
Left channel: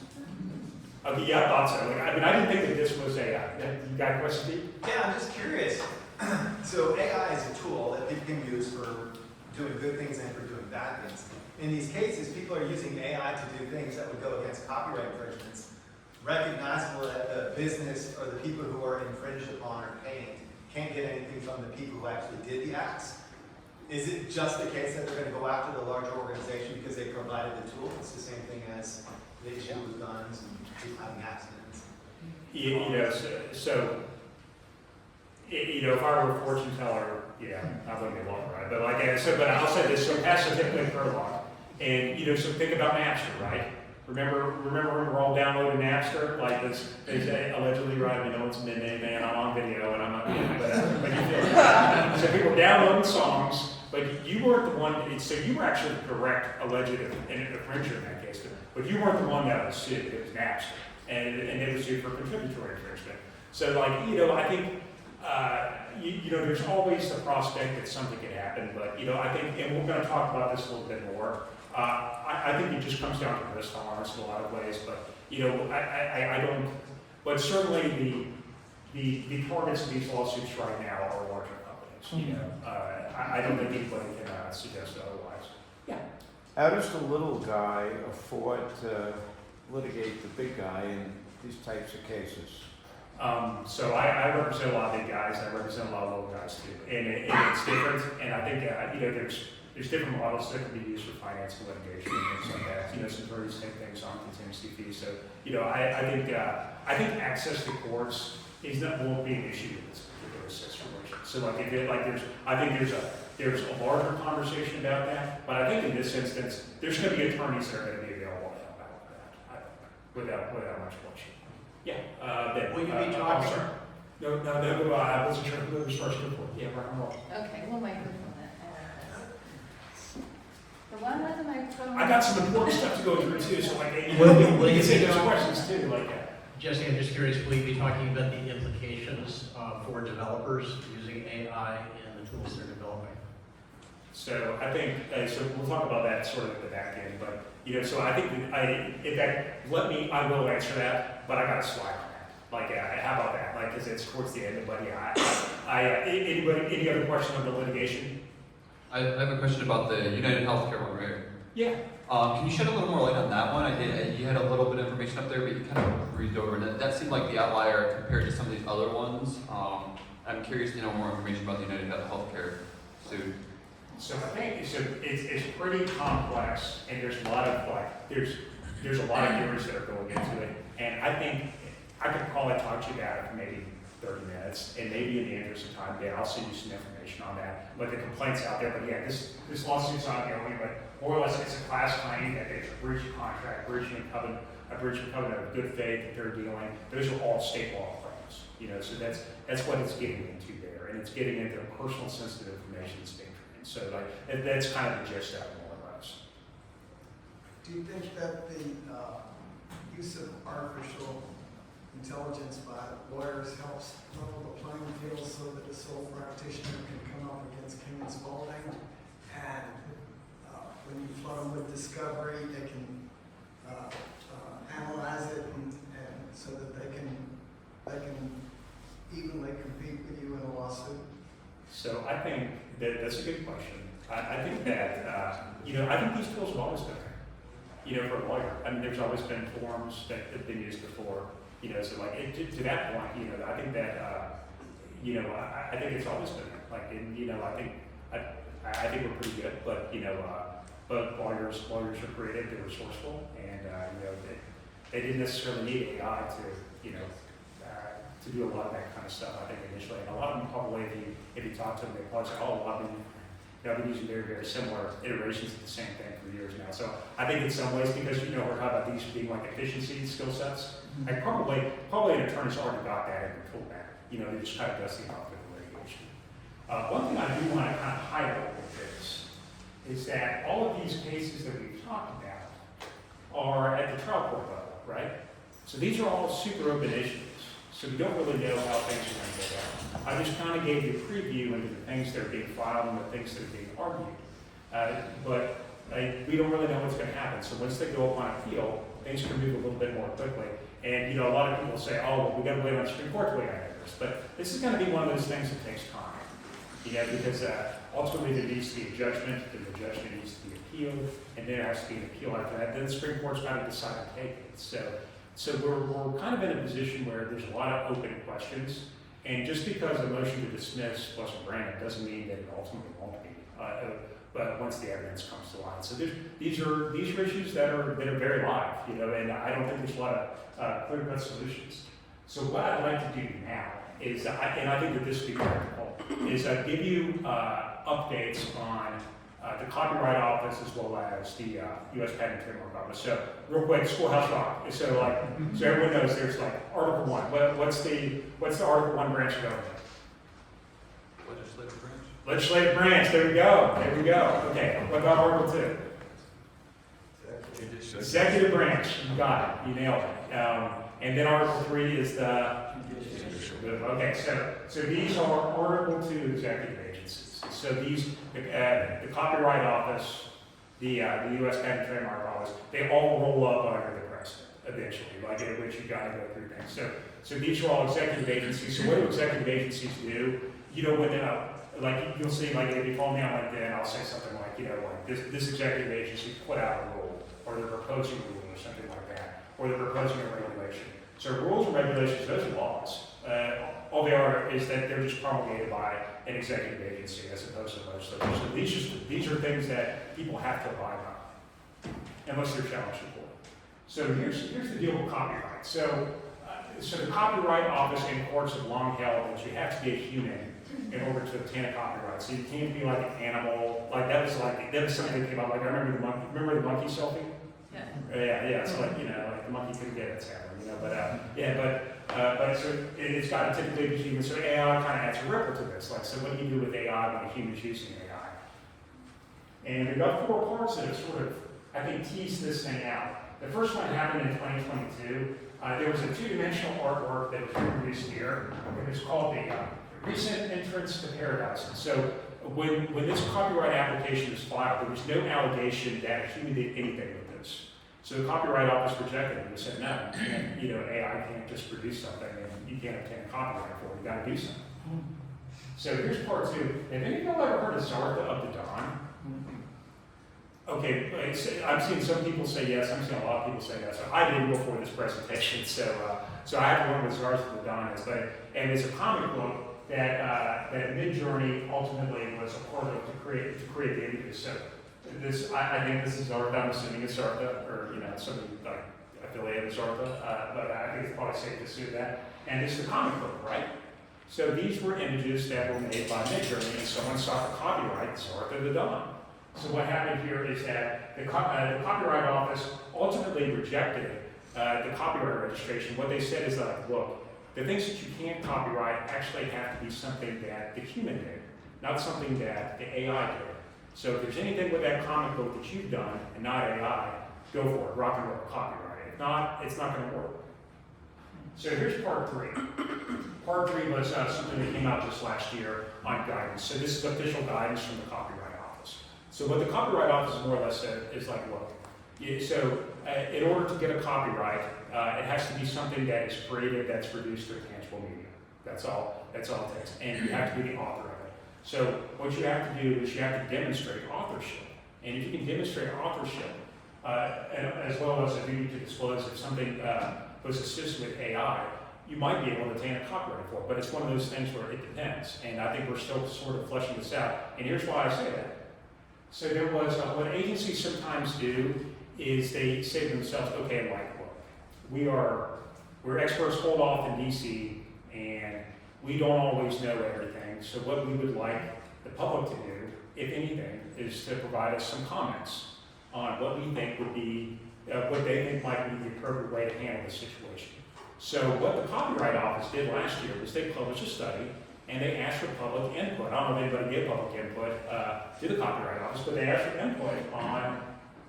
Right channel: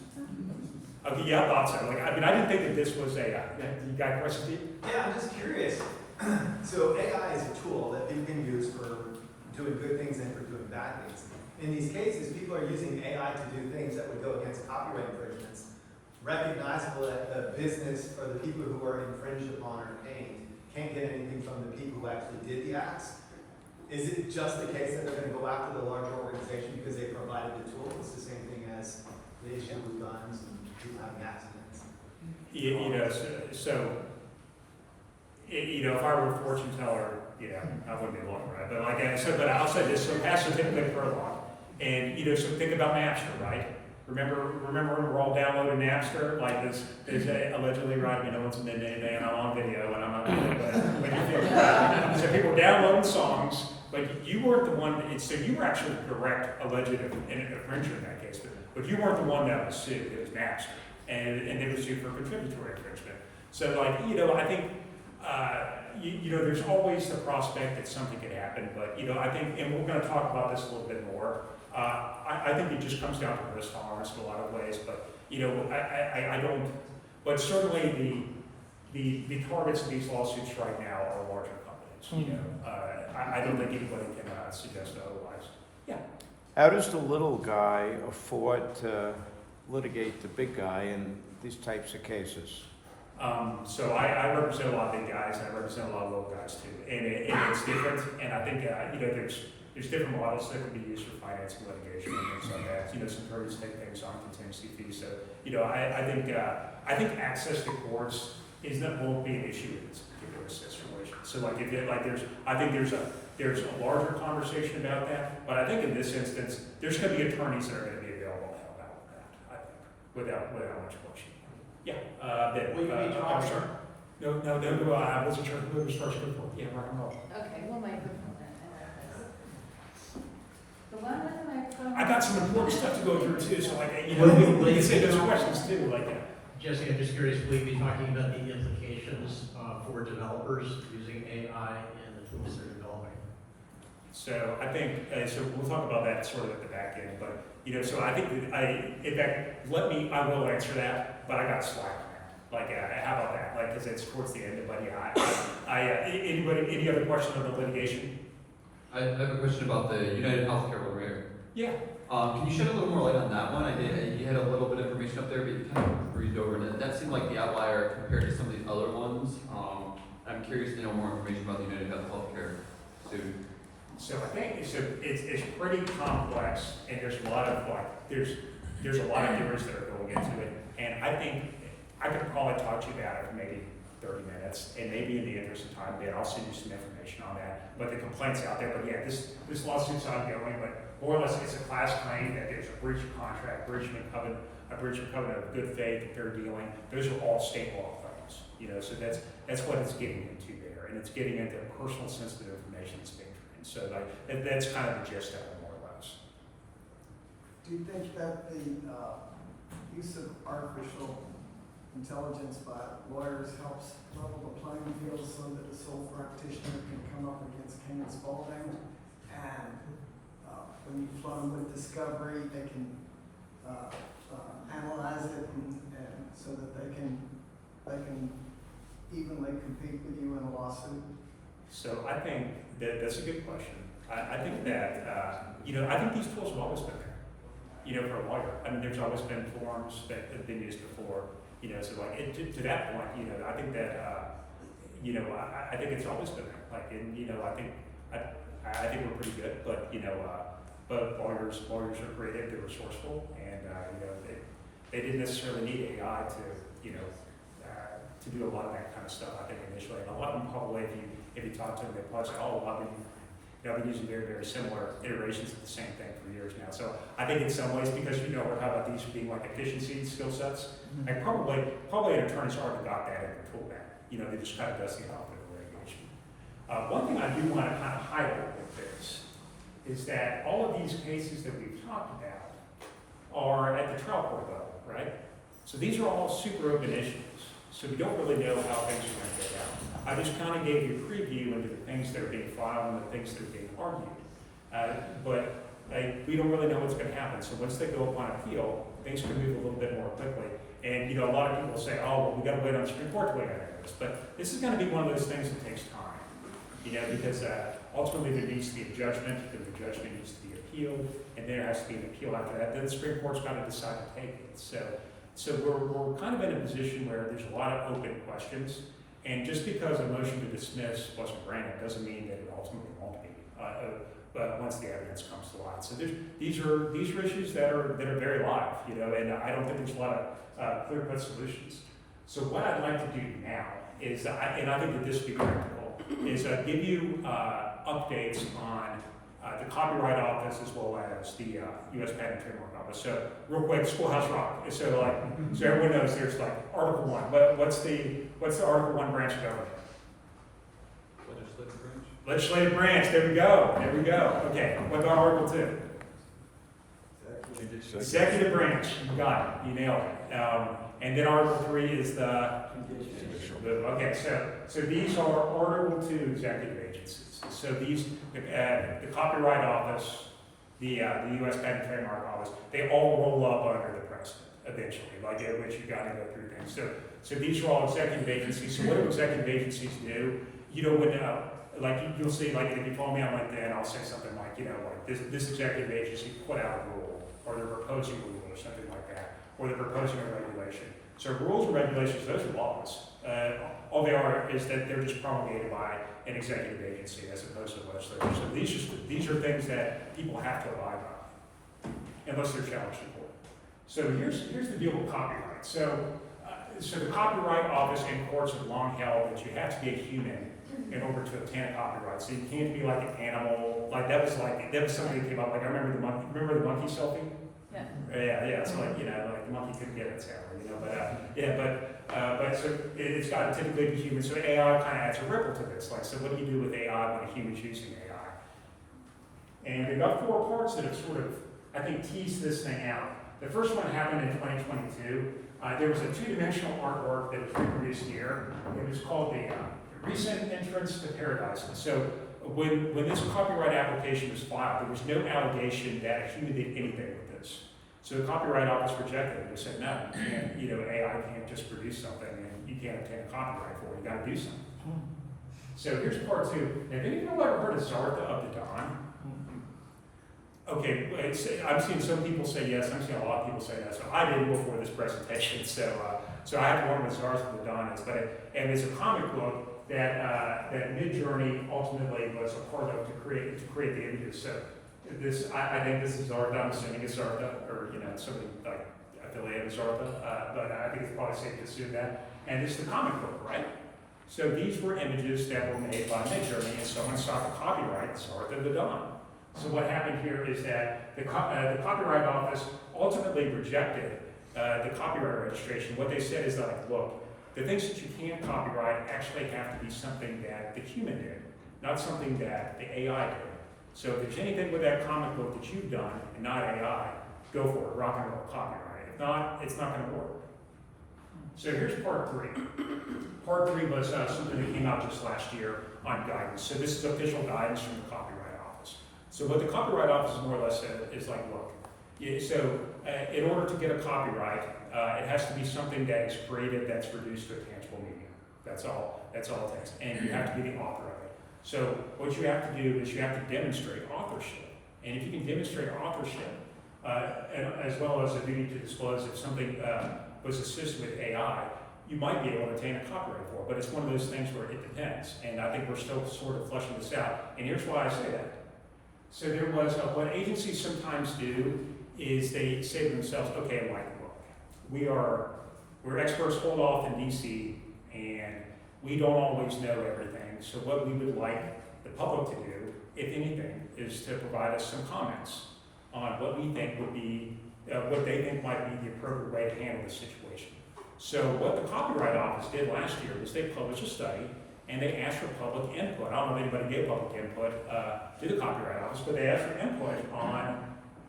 Okay, yeah, I thought so. I didn't think that this was a. You got a question, Steve? Yeah, I'm just curious. So AI is a tool that people can use for doing good things and for doing bad things. In these cases, people are using AI to do things that would go against copyright infringements, recognizable that the business or the people who are infringed upon or can't get anything from the people who actually did the acts. Is it just the case that they're going to go after the larger organization because they provided the tool? It's the same thing as the issue with guns and people having accidents. If I were a fortune teller, I wouldn't be long, right? But but I'll say this: so passive typically prologue, and so think about Napster, right? Remember we're all downloading Napster, there's allegedly, right? No one's been anything. I'm on video, and I'm not, but you feel it. So people downloading songs, but you weren't the one. So you were actually correct, alleged infringer in that case, but you weren't the one that was sued. It was Napster, and it was sued for contributory infringement. So I think. There's always the prospect that something could happen, but I think, and we're going to talk about this a little bit more. I think it just comes down to risk tolerance in a lot of ways, but I But certainly the targets of these lawsuits right now are larger companies, you know. I don't think anybody can suggest otherwise. Yeah. How does the little guy afford to litigate the big guy in these types of cases? So I represent a lot of big guys, I represent a lot of little guys too, and it's different, and I think, you know, there's different models that can be used for financing litigation and things like that. You know, some attorneys take things on contingency fees, so, you know, I think access to courts won't be an issue in this particular situation. So like I think there's a larger conversation about that, but I think in this instance, there's gonna be attorneys that are gonna be available to help out with that, I think, without much question. Yeah, Will you be talking? sir? No, I wasn't sure who was first before. Yeah, rock and roll. Okay, we'll microphone that. The one with the microphone. I got some important stuff to go through too, so like, you know, we can say those questions too, like that. Jesse, I'm just curious, will you be talking about the implications for developers using AI in the tools they're developing? So I think, so we'll talk about that sort of at the back end, but, you know, so I think, in fact, I will answer that, but I got a slide on that. Like, how about that? Like, because it's towards the end, but yeah, any other question on the litigation? I have a question about the United Healthcare one, right? Yeah. Can you shed a little more light on that one? You had a little bit of information up there, but you kind of breezed over it. That seemed like the outlier compared to some of these other ones. I'm curious to know more information about the United Healthcare suit. So I think it's pretty complex, and there's a lot of there's a lot of years that are going into it, and I think I could probably talk to you about it for maybe 30 minutes, and maybe in the interest of time, Ben, I'll send you some information on that. But the complaint's out there, but yeah, this lawsuit's ongoing, but more or less it's a class claim that there's a breach of contract, breach of covenant of good faith that they're dealing. Those are all state law claims, you know. So that's what it's getting into there, and it's getting into personal sensitive information that's being trained. So like that's kind of the gist of it, more or less. Do you think that the use of artificial intelligence by lawyers helps level the playing field so that the sole practitioner can come up against King and Spalding, and when you flood them with discovery, they can analyze it and so that they can evenly compete with you in a lawsuit? So I think that's a good question. I think that you know, I think these tools have always been there. You know, for a lawyer, I mean, there's always been forms that have been used before. You know, so like to that point, you know, I think that you know, I think it's always been there. Like, and you know, I think we're pretty good, but you know, but lawyers are creative, they're resourceful, and you know, they didn't necessarily need AI to, you know, to do a lot of that kind of stuff. I think initially, and a lot of them probably, if you talk to them, they probably say, oh, I've been using very, very similar iterations of the same thing for years now. So I think in some ways, because you know, we're talking about these being like efficiency skill sets, I probably an attorney's already got that in the tool bag. You know, they just kind of dusting off with the litigation. One thing I do want to kind of highlight with this is that all of these cases that we've talked about are at the trial court level, right? So these are all super open issues. So we don't really know how things are going to go down. I just kind of gave you a preview into the things that are being filed and the things that are being argued. But we don't really know what's going to happen. So once they go up on appeal, things can move a little bit more quickly. And you know, a lot of people say, oh, well, we got to wait on the Supreme Court to wait on this. But this is going to be one of those things that takes time. You know, because ultimately there needs to be a judgment, then the judgment needs to be appealed, and there has to be an appeal after that. Then the Supreme Court's got to decide to take it. So we're kind of in a position where there's a lot of open questions, and just because a motion to dismiss wasn't granted doesn't mean that it ultimately won't be. But once the evidence comes to light, so these are issues that are very live, you know, and I don't think there's a lot of clear-cut solutions. So what I'd like to do now is, and I think that this would be practical, is give you updates on the Copyright Office as well as the U.S. Patent and Trademark Office. So real quick, Schoolhouse Rock. So so everyone knows there's like Article 1. What's the Article 1 branch of government? Legislative branch. Legislative branch. There we go. Okay. What about Article 2? Executive branch. You got it. You nailed it. And then Article 3 is the. Okay. So these are Article 2 executive agencies. So these, the Copyright Office, the U.S. Patent and Trademark Office, they all roll up under the president. eventually, like at which you got to go through things. So these are all executive agencies. So what do executive agencies do? You know, when like you'll see, like if you follow me on LinkedIn, I'll say something like, you know, like this executive agency put out a rule, or they're proposing a rule, or something like that, or they're proposing a regulation. So rules and regulations, those are laws. All they are is that they're just promulgated by an executive agency as opposed to legislature. So these are things that people have to abide by, unless they're challenged in court. So here's the deal with copyright. So the Copyright Office and courts have long held that you have to be a human in order to obtain a copyright. So you can't be like an animal. That was something that came out. Like I remember the monkey selfie. Yeah. Yeah. So like the monkey couldn't get it, sadly, but so it's got to typically be human. So AI kind of adds a ripple to this. Like, so what do you do with AI when a human's using AI? And they've got 4 parts that have sort of, I think, teased this thing out. The first one happened in 2022. There was a 2-dimensional artwork that was reproduced here. It was called the Recent Entrance to Paradise. And so when this copyright application was filed, there was no allegation that a human did anything with this. So the Copyright Office rejected it and said, no, AI can't just produce something and you can't obtain a copyright for it. You got to do something. So here's part 2. Have any of you ever heard of Zartha of the Dawn? Okay, I'm seeing some people say yes. I'm seeing a lot of people say no. So I did before this presentation. So I have to learn what Zartha of the Dawn is. And it's a comic book that Midjourney ultimately was a part of to create the images. So I think this is Zartha. I'm assuming it's Zartha, or something like affiliated with Zartha. But I think it's probably safe to assume that. And it's the comic book, right? So these were images that were made by Midjourney, and someone sought the copyright, Zartha of the Dawn. So what happened here is that the Copyright Office ultimately rejected the copyright registration. What they said is that, look, the things that you can't copyright actually have to be something that the human did, not something that the AI did. So if there's anything with that comic book that you've done and not AI, go for it, rock and roll, copyright it. If not, it's not going to work. So here's part 3. Part 3 was something that came out just last year on guidance. So this is official guidance from the Copyright Office. So what the Copyright Office more or less said is like, look, in order to get a copyright, it has to be something that is created, that's produced with tangible media. That's all it takes. And you have to be the author of it. So what you have to do is you have to demonstrate authorship. And if you can demonstrate authorship, and as well as a duty to disclose if something was assisted with AI, you might be able to obtain a copyright for it. But it's one of those things where it depends. And I think we're still sort of fleshing this out. And here's why I say that. So there was, what agencies sometimes do is they say to themselves, okay, like, look, we're experts hold off in DC, and we don't always know everything. So what we would like the public to do, if anything, is to provide us some comments on what we think would be, what they think might be the appropriate way to handle this situation. So what the Copyright Office did last year was they published a study, and they asked for public input. I don't know if anybody gave public input to the Copyright Office, but they asked for input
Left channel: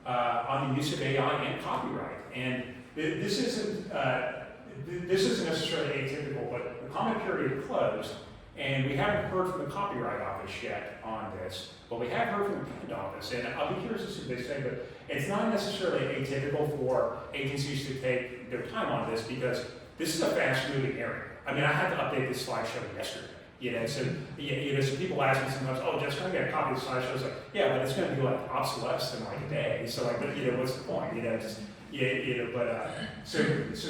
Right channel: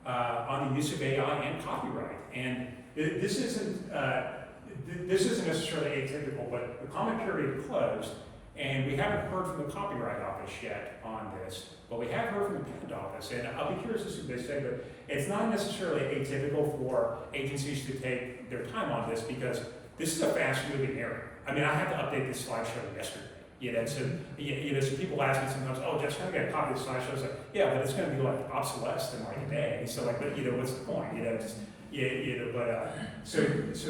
on the use of AI and copyright. And this isn't necessarily atypical, but the comment period closed, and we haven't heard from the Copyright Office yet on this, but we have heard from the Patent Office, and I'll be curious to see what they say, but it's not necessarily atypical for agencies to take their time on this, because this is a fast-moving area. I mean, I had to update this slideshow yesterday. So people ask me sometimes, oh, just trying to get a copy of the slideshow. I was like, yeah, but it's going to be like obsolesced in like a day. So like, but what's the point? So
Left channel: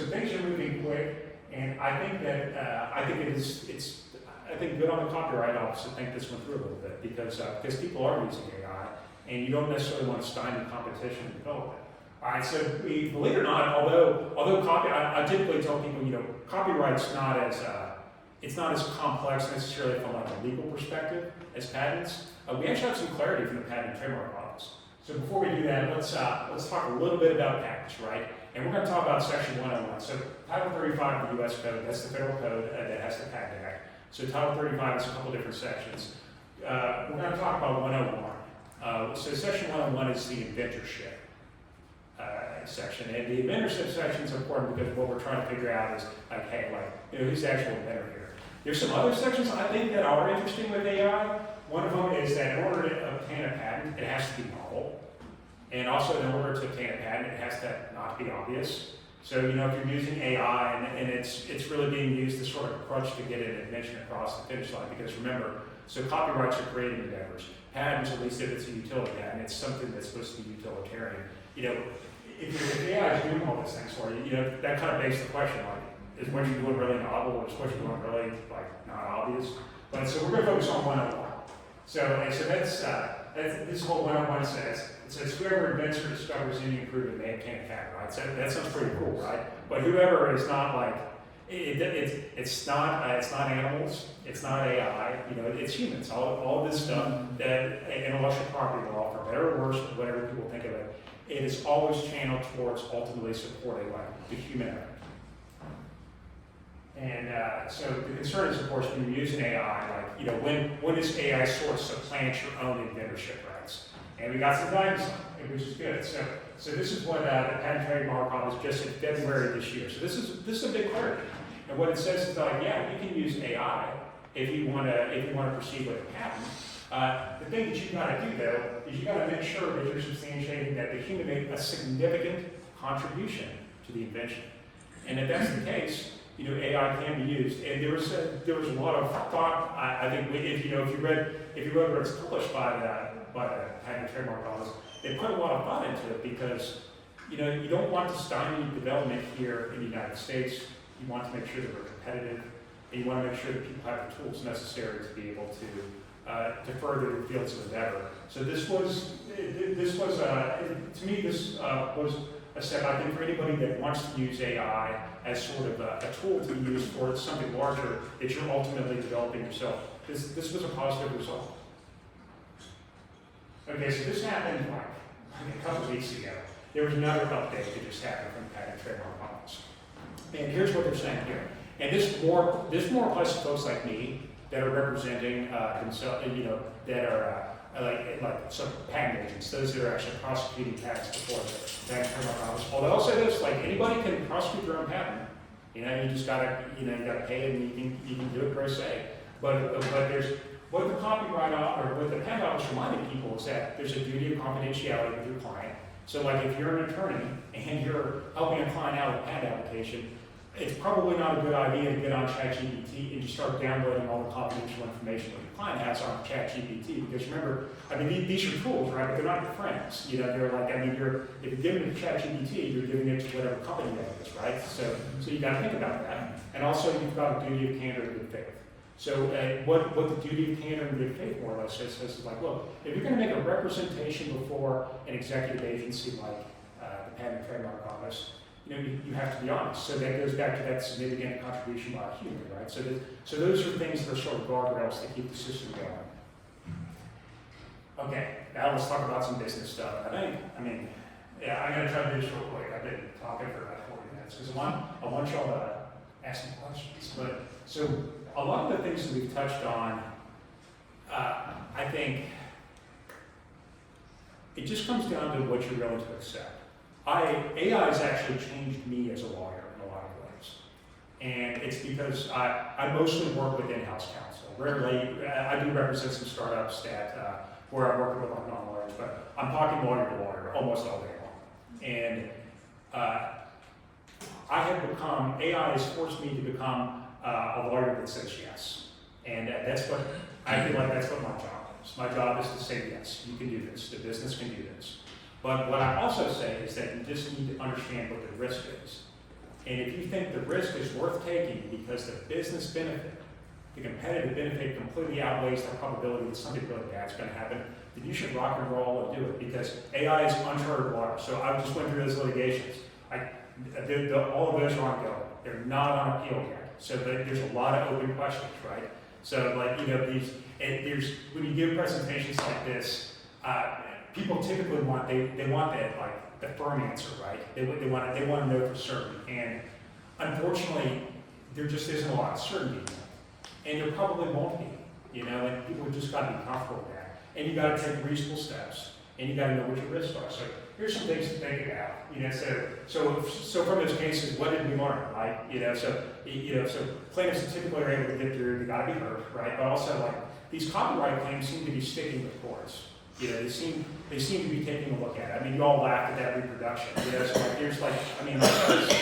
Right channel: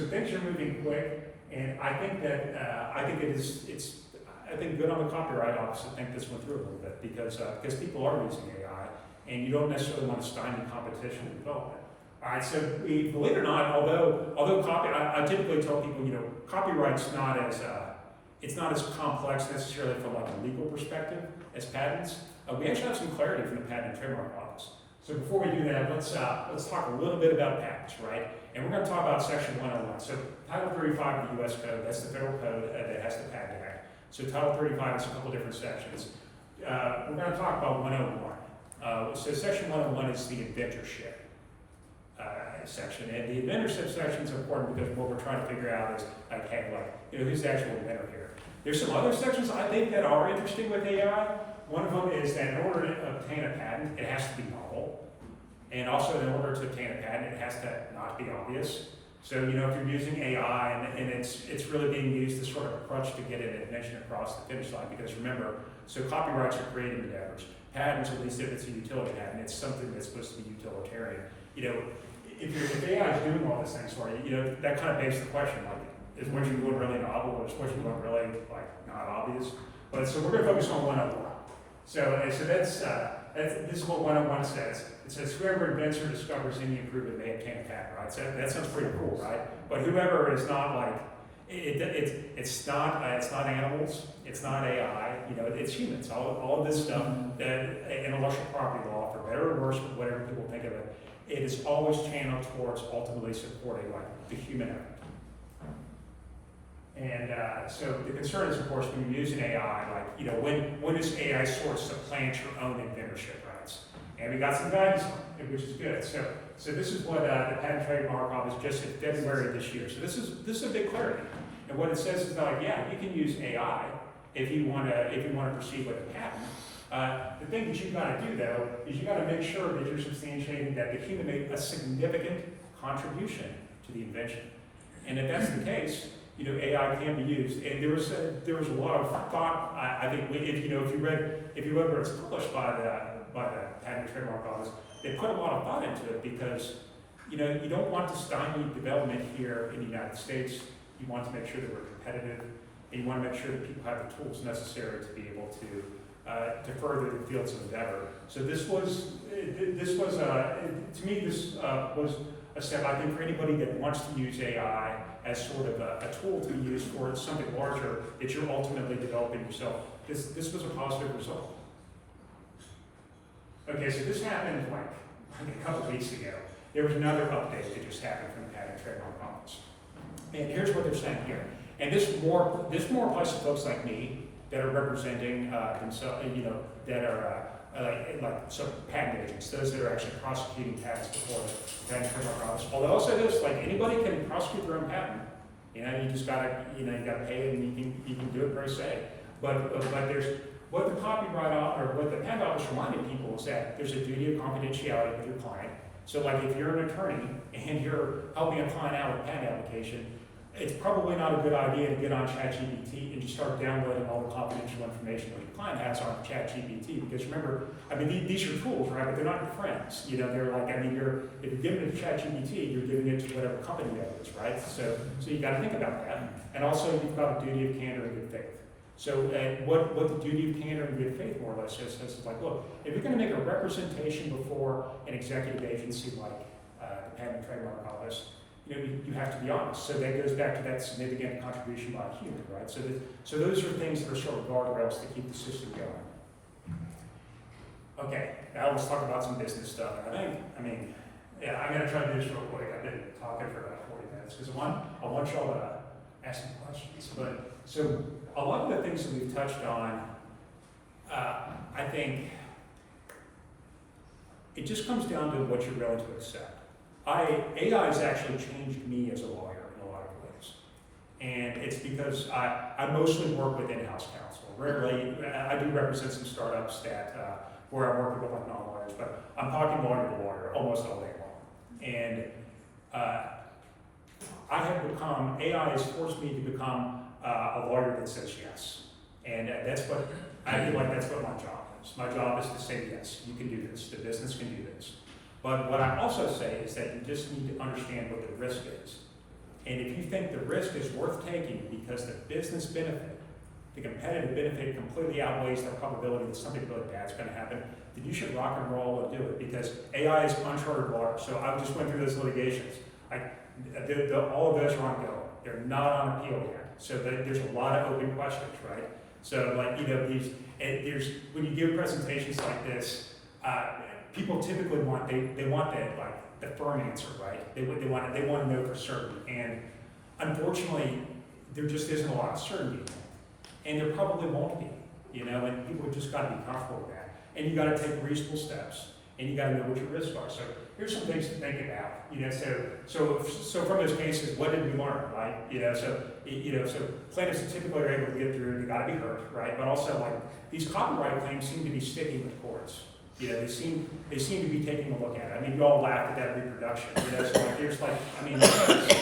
things are moving quick, and I think that I think good on the Copyright Office to think this one through a little bit, because people are using AI, and you don't necessarily want to stymie competition and development. All right, so believe it or not, although I typically tell people, copyright's not as it's not as complex necessarily from like a legal perspective as patents. We actually have some clarity from the Patent and Trademark Office. So before we do that, let's talk a little bit about patents, right? And we're going to talk about Section 101. So Title 35 of the U.S. Code, that's the federal code that has the Patent Act. So Title 35 is a couple different sections. We're going to talk about 101. So Section 101 is the inventorship section. And the inventorship section is important because what we're trying to figure out is like, hey, who's the actual inventor here? There's some other sections I think that are interesting with AI. One of them is that in order to obtain a patent, it has to be novel. And also in order to obtain a patent, it has to not be obvious. So, you know, if you're using AI and it's really being used as sort of a crutch to get an invention across the finish line, because remember, so copyrights are creative endeavors. Patents, at least if it's a utility patent, it's something that's supposed to be utilitarian. You know, if AI is doing all these things for you, you know, that kind of begs the question, like, is what you're doing really novel, or is what you're doing really, like, not obvious? But so we're going to focus on 101. So this is what 101 says. It says whoever invents or discovers any improvement may obtain a patent, right? So that sounds pretty cool, right? But whoever is not like, it's not animals, it's not AI, you know, it's humans. All of this stuff, that intellectual property law, for better or worse, whatever people think of it, it is always channeled towards ultimately supporting like the human effort. And so the concern is, of course, when you use an AI, like, you know, when does AI sort of supplant your own inventorship rights? And we got some guidance on it, which is good. So this is what the Patent and Trademark Office just in February of this year. So this is a big clarity. And what it says is like, yeah, you can use AI if you want to proceed with a patent. The thing that you've got to do though is you got to make sure that you're substantiating that the human made a significant contribution to the invention. And if that's the case, you know, AI can be used. And there was a lot of thought. I think if you read where it's published by the Patent and Trademark Office, they put a lot of thought into it because, you know, you don't want to stymie development here in the United States. You want to make sure that we're competitive, and you want to make sure that people have the tools necessary to be able to further the fields of endeavor. So this was to me was a step, I think, for anybody that wants to use AI as sort of a tool to be used for something larger that you're ultimately developing yourself. This was a positive result. Okay, so this happened like a couple weeks ago. There was another update that just happened from the Patent and Trademark Office. And here's what they're saying here. And this more applies to folks like me that are representing themselves, you know, that are like some patent agents, those that are actually prosecuting patents before the Patent and Trademark Office. Although I'll say this, like anybody can prosecute their own patent. You know, you just gotta, you gotta pay it, and you can do it per se. But there's what the copyright or what the patent office reminded people is that there's a duty of confidentiality with your client. So like if you're an attorney and you're helping a client out with a patent application, it's probably not a good idea to get on ChatGPT and just start downloading all the confidential information that your client has on ChatGPT. Because remember, I mean, these are tools, right? But they're not your if you're giving it to ChatGPT, you're giving it to whatever company that is, right? So you got to think about that. And also, you've got a duty of candor and good faith. So what the duty of candor and good faith more or less says is like, look, if you're going to make a representation before an executive agency like the Patent and Trademark Office, you have to be honest. So that goes back to that significant contribution by a human, right? So those are things that are sort of guardrails to keep the system going. Okay, now let's talk about some business stuff. I'm going to try to do this real quick. I've been talking for about 40 minutes because I want y'all to ask some questions. But so a lot of the things that we've touched on, I think it just comes down to what you're willing to accept. AI has actually changed me as a lawyer in a lot of ways. And it's because I mostly work with in-house counsel. Rarely, I do represent some startups that where I'm working with like non-lawyers, but I'm talking lawyer to lawyer almost all day long. And AI has forced me to become a lawyer that says yes. And that's what, I feel like that's what my job is. My job is to say yes, you can do this, the business can do this. But what I also say is that you just need to understand what the risk is. And if you think the risk is worth taking because the business benefit, the competitive benefit completely outweighs the probability that something really bad is going to happen, then you should rock and roll and do it because AI is uncharted water. So I just went through those litigations. All of those are ongoing. They're not on appeal yet. So there's a lot of open questions, right? So when you give presentations like this, people typically want that like the firm answer, right? They want to know for certain. And unfortunately, there just isn't a lot of certainty in that. And there probably won't be, and people have just got to be comfortable with that. And you got to take reasonable steps, and you got to know what your risks are. So here's some things to think about. So from those cases, what did we learn, right? So plaintiffs typically are able to get through. They got to be heard, right? But also, like these copyright claims seem to be sticking with courts. You know, they seem to be taking a look at it. I mean, you all laughed at that reproduction. You know, so like there's like, I mean, like,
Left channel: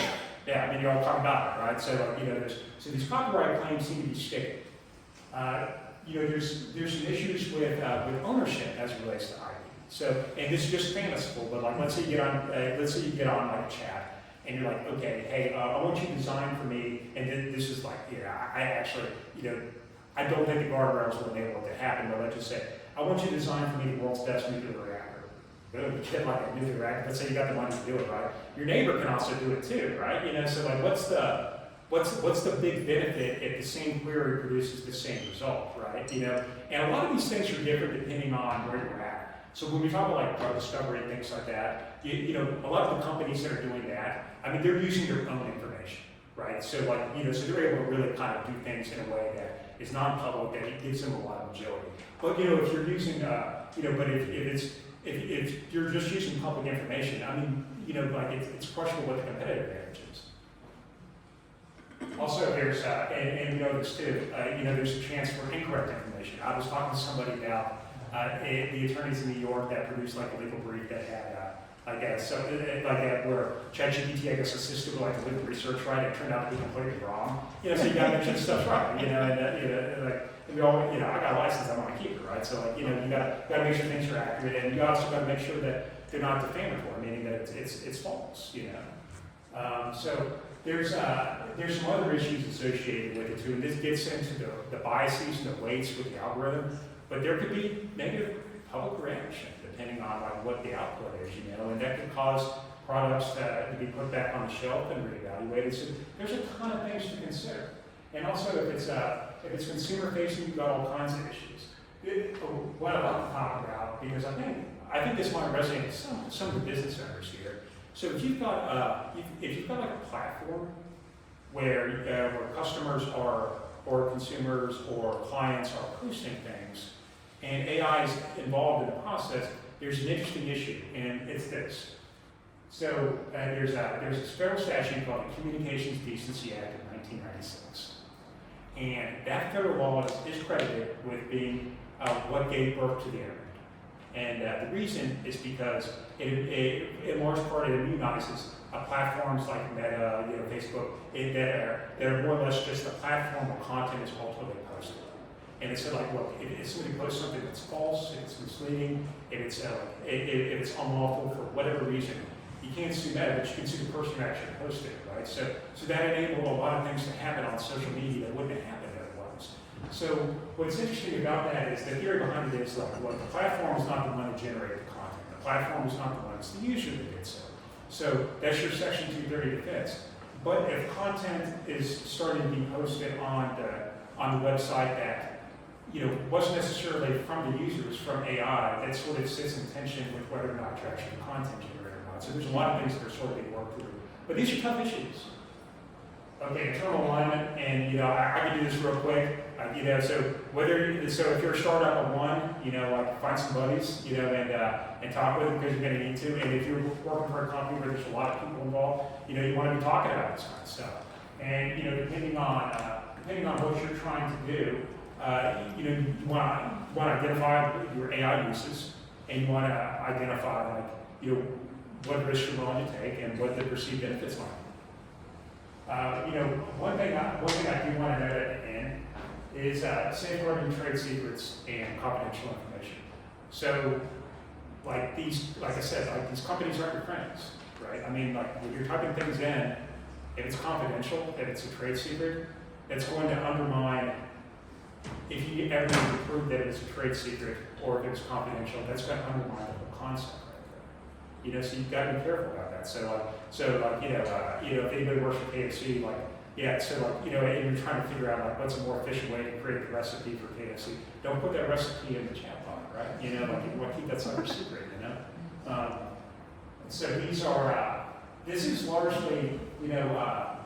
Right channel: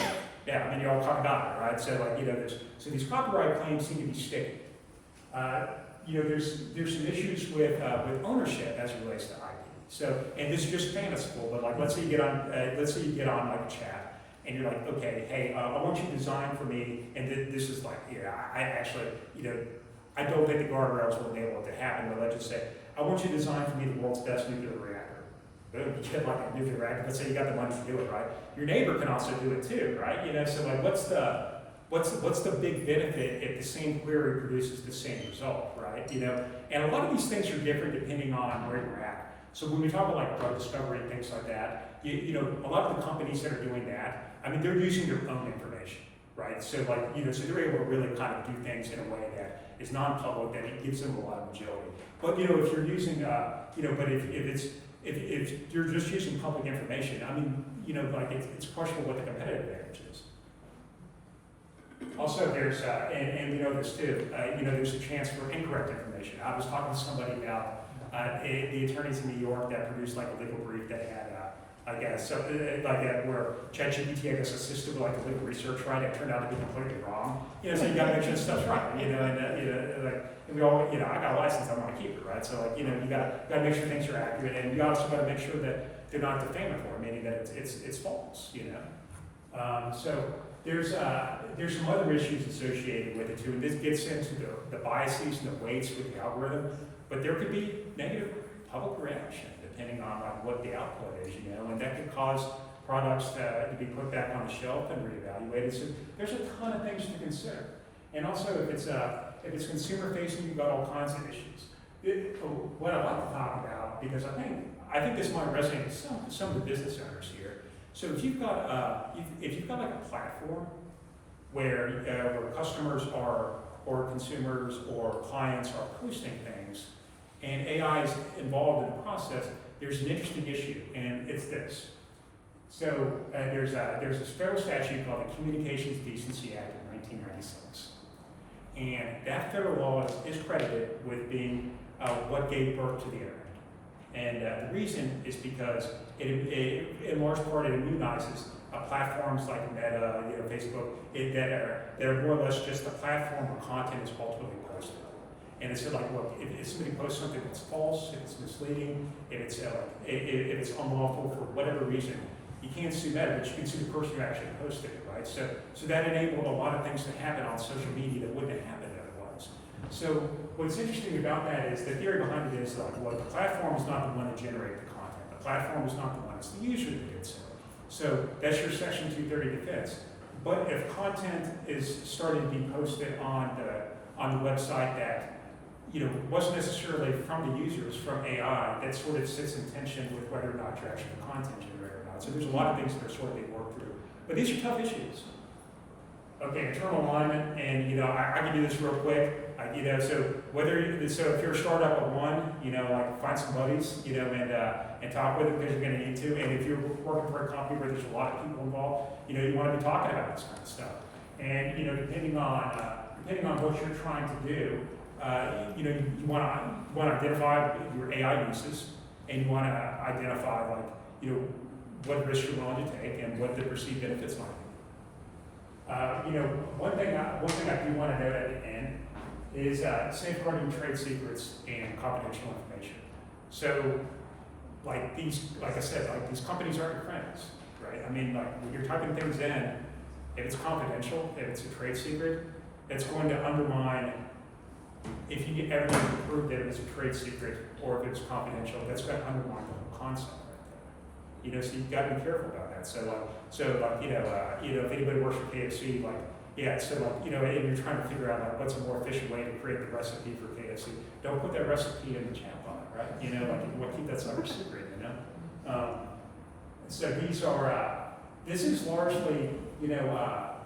yeah, I mean, you're all talking about it, right? So like, you know, so these copyright claims seem to be sticking. You know, there's some issues with ownership as it relates to IP. So, and this is just fanciful, but like, let's say you get on like a chat, and you're like, okay, hey, I want you to design for me, and this is like, yeah, I actually, you know, I don't think the guardrails will enable it to happen, but let's just say, I want you to design for me the world's best nuclear reactor. Boom, you get like a nuclear reactor. Let's say you got the money to do it, right? Your neighbor can also do it too, right? You know, so like, what's the big benefit if the same query produces the same result, right? You know, and a lot of these things are different depending on where you're at. So when we talk about like drug discovery and things like that, you know, a lot of the companies that are doing that, I mean, they're using their own information, right? So like, you know, so they're able to really kind of do things in a way that is non-public, that it gives them a lot of agility. But you know, if you're using, you know, but if you're just using public information, I mean, you know, like it's questionable what the competitive advantage is. Also, there's, and you know this too, you know, there's a chance for incorrect information. I was talking to somebody about the attorneys in New York that produced like a legal brief that had, I guess, so where ChatGPT, I guess, assisted with like the legal research, right? It turned out to be completely wrong. You know, so you got to make sure the stuff's right. You know, and you know, like we all, you know, I got a license, I want to keep it, right? So like, you know, you got to make sure things are accurate, and you also got to make sure that they're not defamatory, meaning that it's false. You know, so there's some other issues associated with it too, and this gets into the biases and the weights with the algorithm. But there could be negative public reaction depending on like what the output is, you know, and that could cause products to be put back on the shelf and reevaluated. So there's a ton of things to consider. And also, if it's consumer facing, you've got all kinds of issues. What I'd like to talk about, because I think this might resonate with some of the business owners here. So if you've got like a platform where customers are, or consumers or clients are posting things, and AI is involved in the process, there's an interesting issue, and it's this. So there's this federal statute called the Communications Decency Act of 1996. And that federal law is credited with being what gave birth to the internet. And the reason is because it in large part, it immunizes platforms like Meta, you know, Facebook, that are more or less just a platform where content is ultimately posted. And it said, like, look, if somebody posts something that's false, if it's misleading, if it's unlawful for whatever reason, you can't sue Meta, but you can sue the person who actually posted it, right? So that enabled a lot of things to happen on social media that wouldn't have happened otherwise. So what's interesting about that is the theory behind it is like, well, the platform is not the one to generate the content. The platform is not the one, it's the user that gets it. So that's your Section 230 defense. But if content is starting to be posted on the website that, you know, wasn't necessarily from the users, from AI, that sort of sits in tension with whether or not you're actually content generator or not. So there's a lot of things that are sort of being worked through. But these are tough issues. Okay, internal alignment, and you know, I can do this real quick. You know, so if you're a startup of one, you know, like find some buddies, you know, and talk with them because you're going to need to. And if you're working for a company where there's a lot of people involved, you know, you want to be talking about this kind of stuff. And you know, depending on what you're trying to do, you know, you want to identify your AI uses, and you want to identify, like, you know, what risks you're willing to take and what the perceived benefits might be. You know, one thing I do want to note at the end is safeguarding trade secrets and confidential information. So, like I said, like these companies aren't your friends, right? I mean, like when you're typing things in, if it's confidential, if it's a trade secret, it's going to undermine. If you ever need to prove that it was a trade secret or if it's confidential, that's going to undermine the whole concept right there. You know, so you've got to be careful about that. So you know, if anybody works for KFC, like, yeah, so like, you know, and you're trying to figure out like what's a more efficient way to create the recipe for KFC, don't put that recipe in the chat box, right? You know, like you want to keep that sucker secret, you know? So this is largely, you know,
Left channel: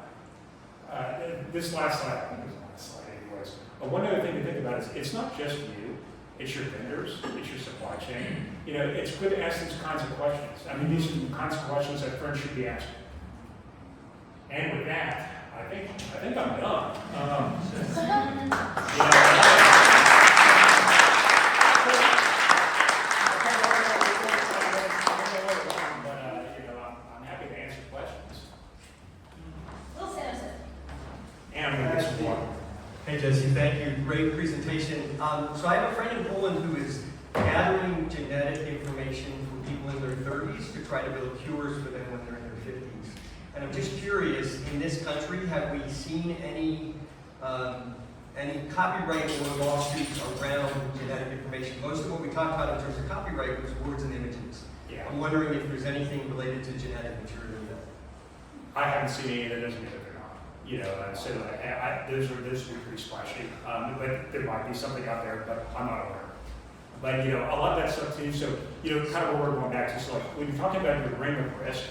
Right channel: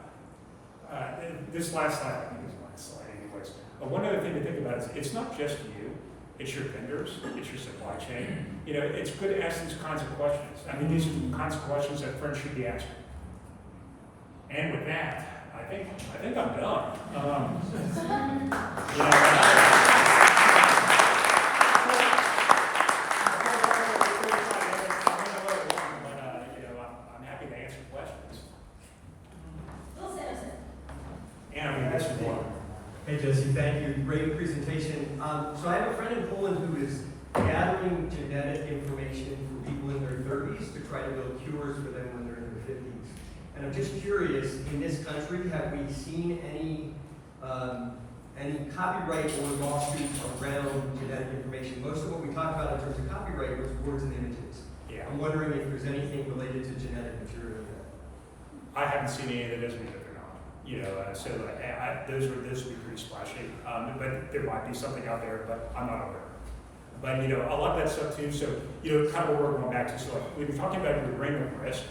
this last slide, I think is the last slide anyways. But one other thing to think about is it's not just you, it's your vendors, it's your supply chain. You know, it's good to ask these kinds of questions. I mean, these are the kinds of questions that friends should be asking. And with that, I think I'm done. try to build cures for them when they're in their 50s. And I'm just curious, in this country, have we seen any copyright or lawsuits around genetic information? Most of what we talked about in terms of copyright was words and images. Yeah. I'm wondering if there's anything related to genetic material in that. I haven't seen any, that doesn't mean that they're not. You know, so those would be pretty splashy. But there might be something out there, but I'm not aware. But, you know, a lot of that stuff too, so, you know, kind of where we're going back to, so like, when you're talking about your agreement risk,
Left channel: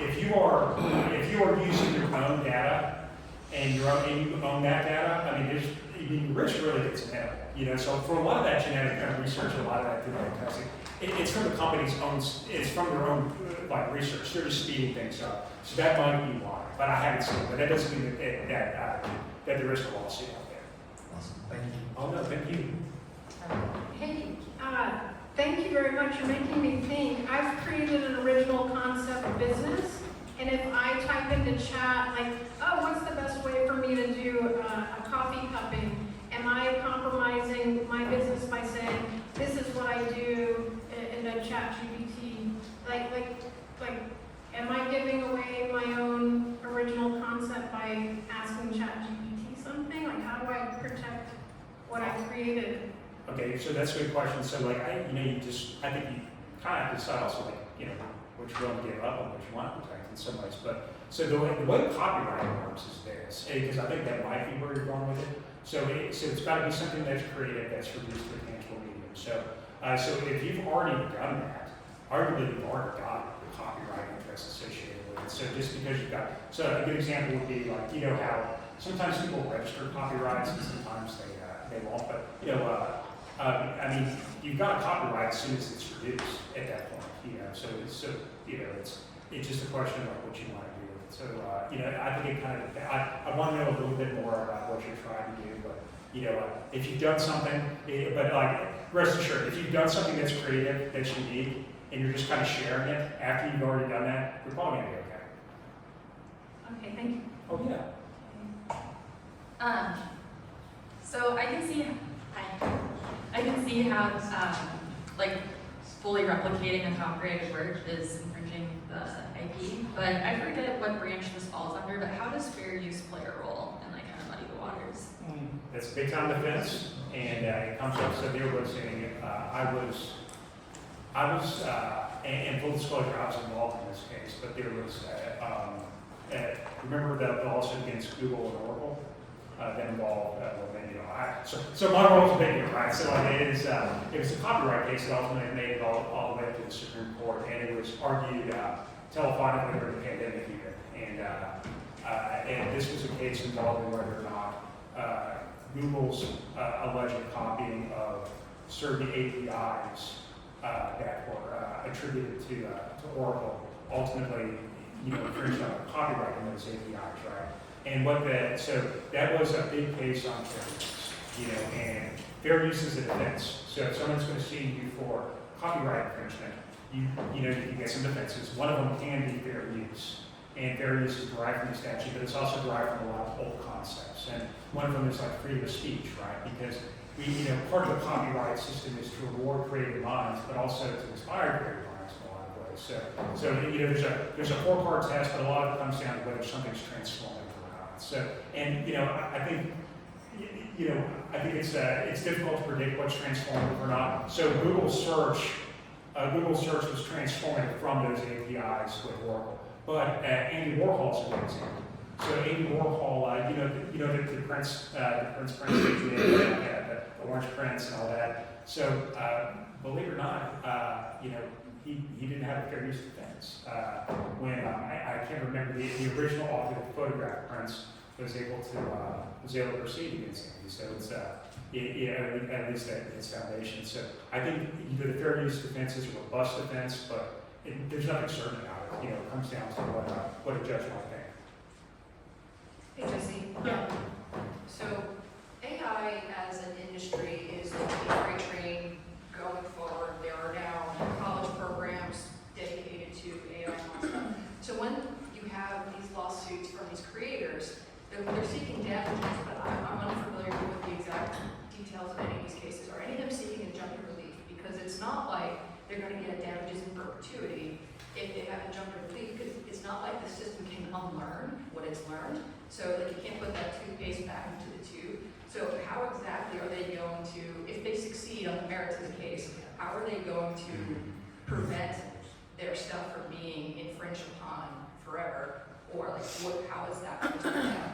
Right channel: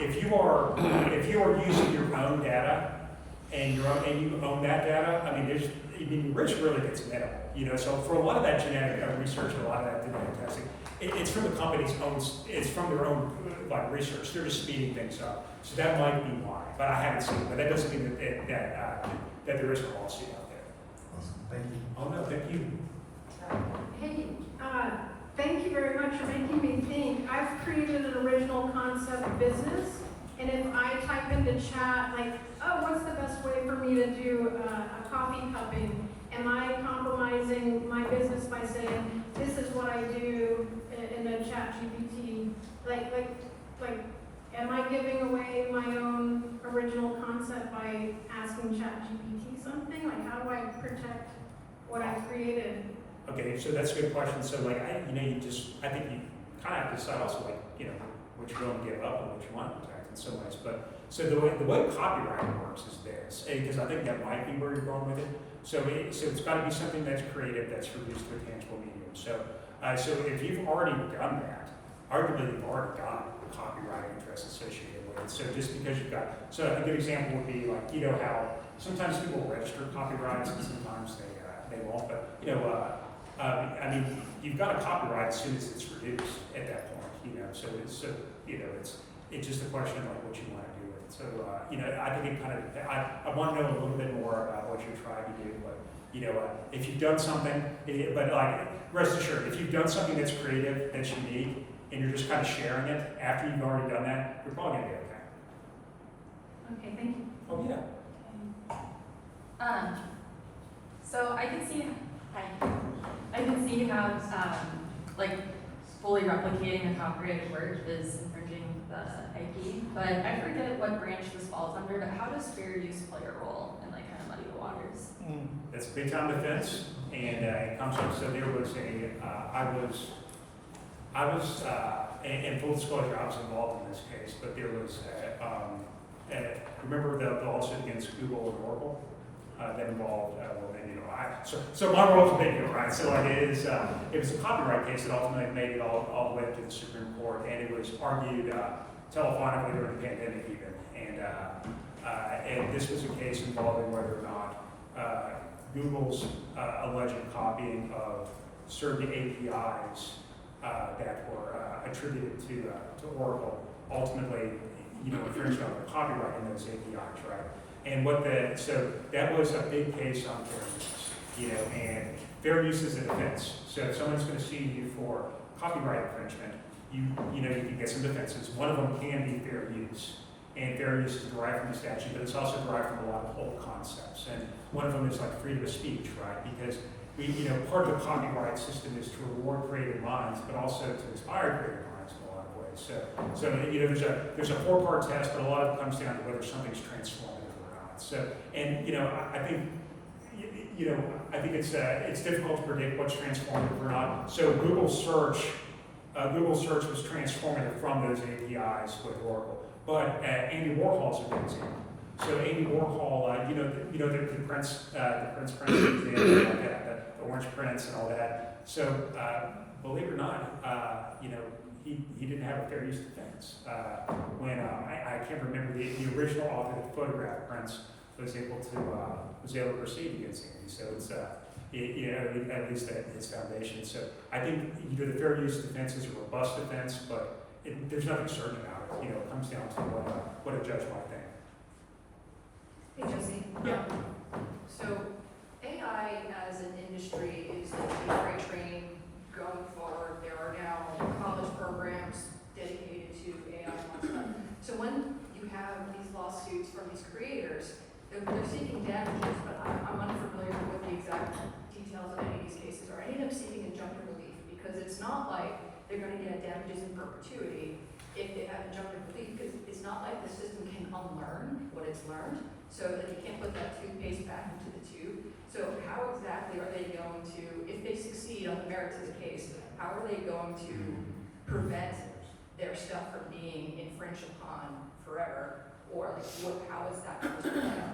if you are using your own data and you own that data, I mean, your risk really gets minimal. You know, so for a lot of that genetic kind of research, a lot of that genetic testing, it's from the company's own, it's from their own like research. They're just speeding things up. So that might be why, but I haven't seen it. But that doesn't mean that there is a lawsuit out there. Awesome. Thank you. Oh no, thank you. Hey, thank you very much for making me think. I've created an original concept business, and if I type into chat, like, oh, what's the best way for me to do a coffee cupping? Am I compromising my business by saying, this is what I do in a chat GPT? Like, am I giving away my own original concept by asking chat GPT something? Like, how do I protect what I created? Okay, so that's a good question. So like, I think you kind of have to decide also like, you know, which you want to give up and which you want to protect in some ways. But so the way copyright works is this, because I think that might be where you're going with it. So it's got to be something that's creative, that's reduced to a tangible medium. So if you've already done that, arguably you've already got copyright interest associated with it. So just because you've got, so a good example would be like, you know how sometimes people register copyrights and sometimes they won't, but you know, I mean, you've got a copyright as soon as it's reduced at that point, you know. So you know, it's just a question of like what you want to do with it. So you know, I think it kind of I want to know a little bit more about what you're trying to do, but you know, if you've done something, but like rest assured, if you've done something that's creative, that's unique, and you're just kind of sharing it after you've already done that, you're probably gonna be okay. Okay, thank you. Oh yeah. So I can see how, like, fully replicating a copyrighted work is infringing the IP, but I forget what branch this falls under, but how does fair use play a role in, like, kind of muddy the waters? That's big time defense, and it comes up. So there was and full disclosure, I was involved in this case, but there was, remember the lawsuit against Google and Oracle that involved, so my role was big, right? So it was a copyright case that ultimately made it all the way up to the Supreme Court, and it was argued telephonically during the pandemic even, and this was a case involving whether or not Google's alleged copying of certain APIs that were attributed to Oracle ultimately, you know, infringed on the copyright in those APIs, right? And so that was a big case on fair use, you know, and fair use is a defense. So if someone's going to sue you for copyright infringement, you can get some defenses. One of them can be fair use, and fair use is derived from the statute, but it's also derived from a lot of old concepts. And one of them is like freedom of speech, right? Because part of the copyright system is to reward creative minds, but also to inspire creative minds in a lot of ways. So you know, there's a four-part test, but a lot of it comes down to whether something's transformative or not. So, and you know, I think it's difficult to predict what's transformative or not. So Google search was transformative from those APIs with Oracle. But Andy Warhol's a good example. So Andy Warhol, the Prince prints he did, like the orange prints and all that. So believe it or not, he didn't have a fair use defense. When I can't remember the original author that photographed Prince was able to proceed against Andy. So it's at least at its foundation. So I think the fair use defense is a robust defense, but there's nothing certain about it. It comes down to what a judge might think. Hey Jesse. Yeah. So AI as an industry is like a freight train going forward. There are now college programs dedicated to AI and stuff. So when you have these lawsuits from these creators, they're seeking damages, but I'm unfamiliar with the exact details of any of these cases. Are any of them seeking injunctive relief? Because it's not like they're going to get damages in perpetuity. if they have injunctive relief, because it's not like the system can unlearn what it's learned. So like you can't put that toothpaste back into the tube. So how exactly are they going to, if they succeed on the merits of the case, how are they going to prevent their stuff from being infringed upon forever? Or like how is that going to work out?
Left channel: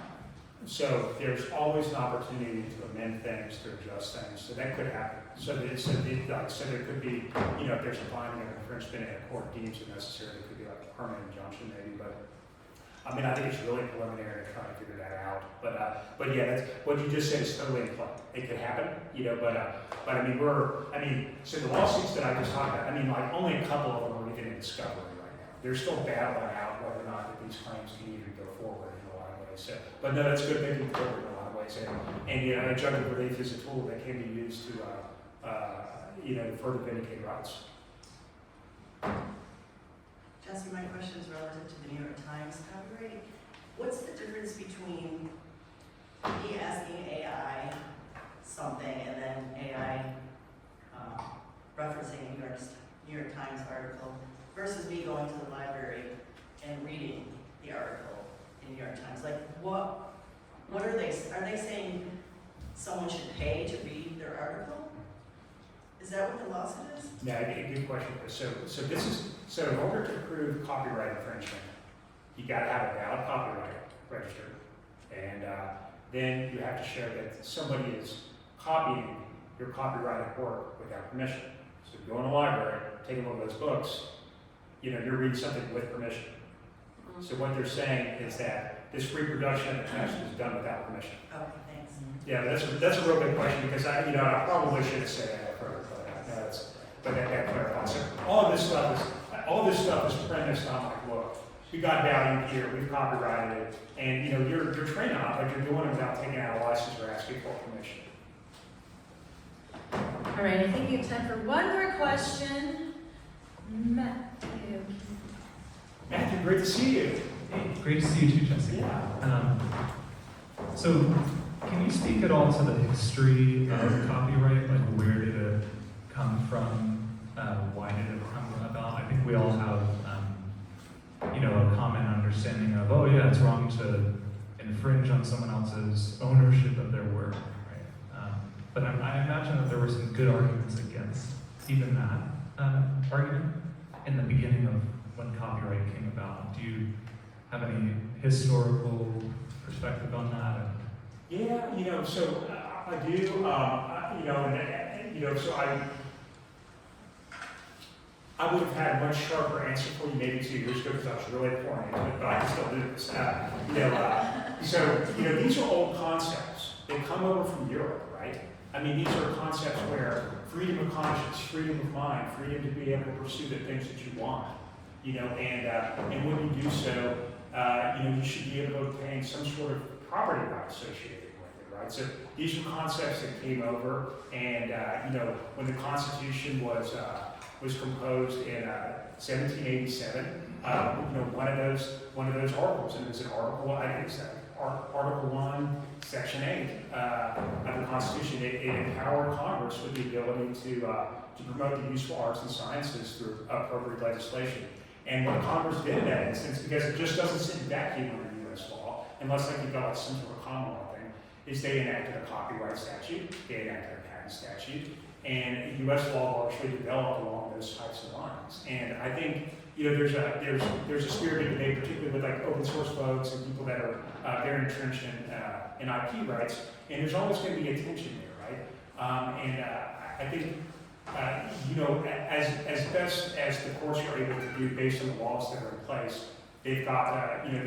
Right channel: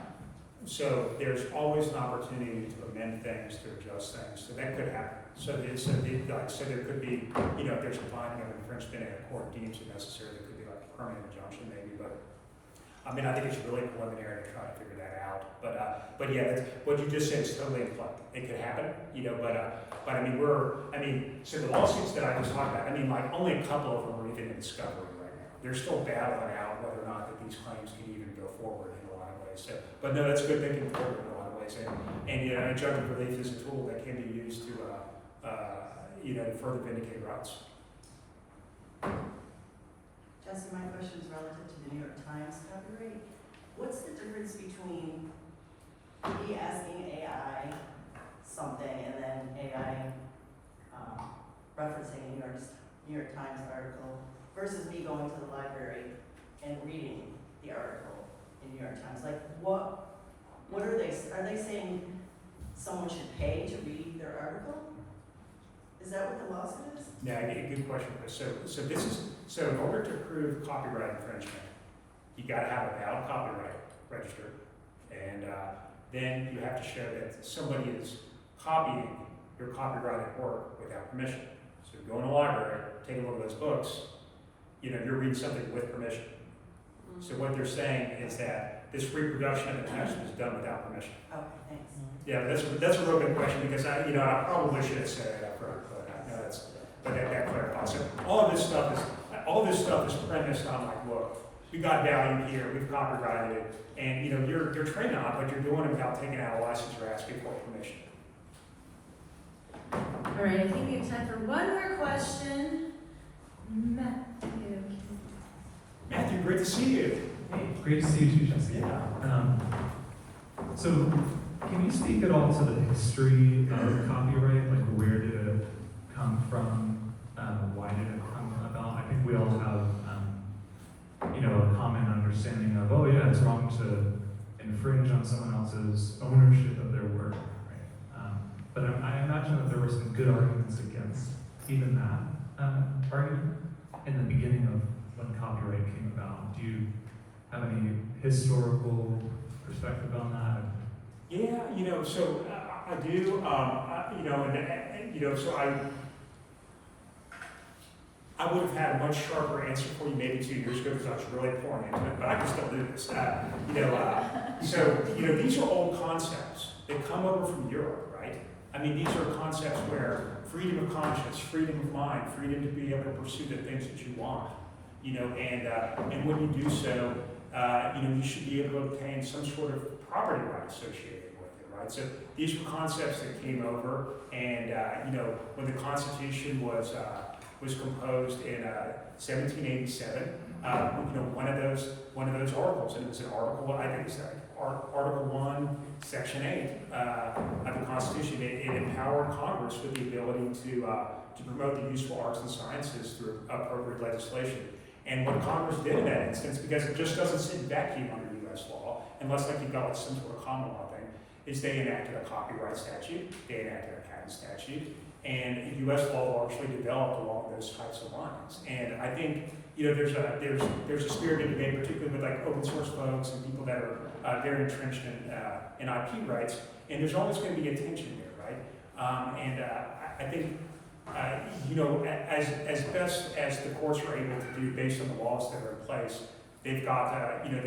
So there's always an opportunity to amend things, to adjust things, so that could happen. So there could be, you know, if there's a finding of infringement and a court deems it necessary, there could be like a permanent injunction maybe, but I mean, I think it's really preliminary to try to figure that out. But yeah, that's, what you just said is totally in play. It could happen, you know, but I mean, so the lawsuits that I just talked about, I mean, like only a couple of them are even in discovery right now. They're still battling out whether or not that these claims can even go forward in a lot of ways. So, but no, that's good thinking forward in a lot of ways. And you know, injunctive relief is a tool that can be used to, you know, to further vindicate rights. Jesse, my question is relative to the New York Times copyright. What's the difference between me asking AI something and then AI referencing a New York Times article versus me going to the library and reading the article in New York Times? Like, what are they? Are they saying someone should pay to read their article? Is that what the lawsuit is? No, good question, Chris. So in order to prove copyright infringement, you got to have a valid copyright registered, and then you have to show that somebody is copying your copyrighted work without permission. So if you go in the library, take a look at those books, you know, you're reading something with permission. So what they're saying is that this reproduction of the text is done without permission. Okay, thanks. Yeah, that's a real good question, because I probably should have said that first, but that clarifies. So all this stuff is premised on like, look, we got value here, we've copyrighted it, and you know, you're trained on it, but you're doing it without taking out a license or asking for permission. All right, I think we have time for one more question. Matthew, great to see you. Hey, great to see you too, Jesse. Yeah. So, can you speak at all to the history of copyright? Like, where did it come from? Why did it come about? I think we all have, you know, a common understanding of, oh yeah, it's wrong to infringe on someone else's ownership of their work. Right? But I imagine that there were some good arguments against even that argument in the beginning of when copyright came about. Do you have any historical perspective on that? Yeah, you know, so I do, you know, and you know, so I would have had a much sharper answer for you maybe 2 years ago because I was really pouring into it, but I can still do this. You know, so you know, these are old concepts. They come over from Europe, right? I mean, these are concepts where freedom of conscience, freedom of mind, freedom to be able to pursue the things that you want. You know, and when you do so, you know, you should be able to obtain some sort of property right associated with it, right? So these are concepts that came over, and you know, when the Constitution was composed in 1787, you know, one of those articles, and it was an article, I think it's Article 1, Section 8 of the Constitution. It empowered Congress with the ability to promote the useful arts and sciences through appropriate legislation. And what Congress did in that instance, because it just doesn't sit in vacuum under U.S. law, unless like you've got like some sort of common law thing, is they enacted a copyright statute, they enacted a patent statute, and U.S. law largely developed along those types of lines. And I think, you know, there's a spirited debate, particularly with like open source folks and people that are very entrenched in IP rights, and there's always going to be a tension there, right? And I think, you know, as best as the courts are able to do based on the laws that are in place, they've got, you know,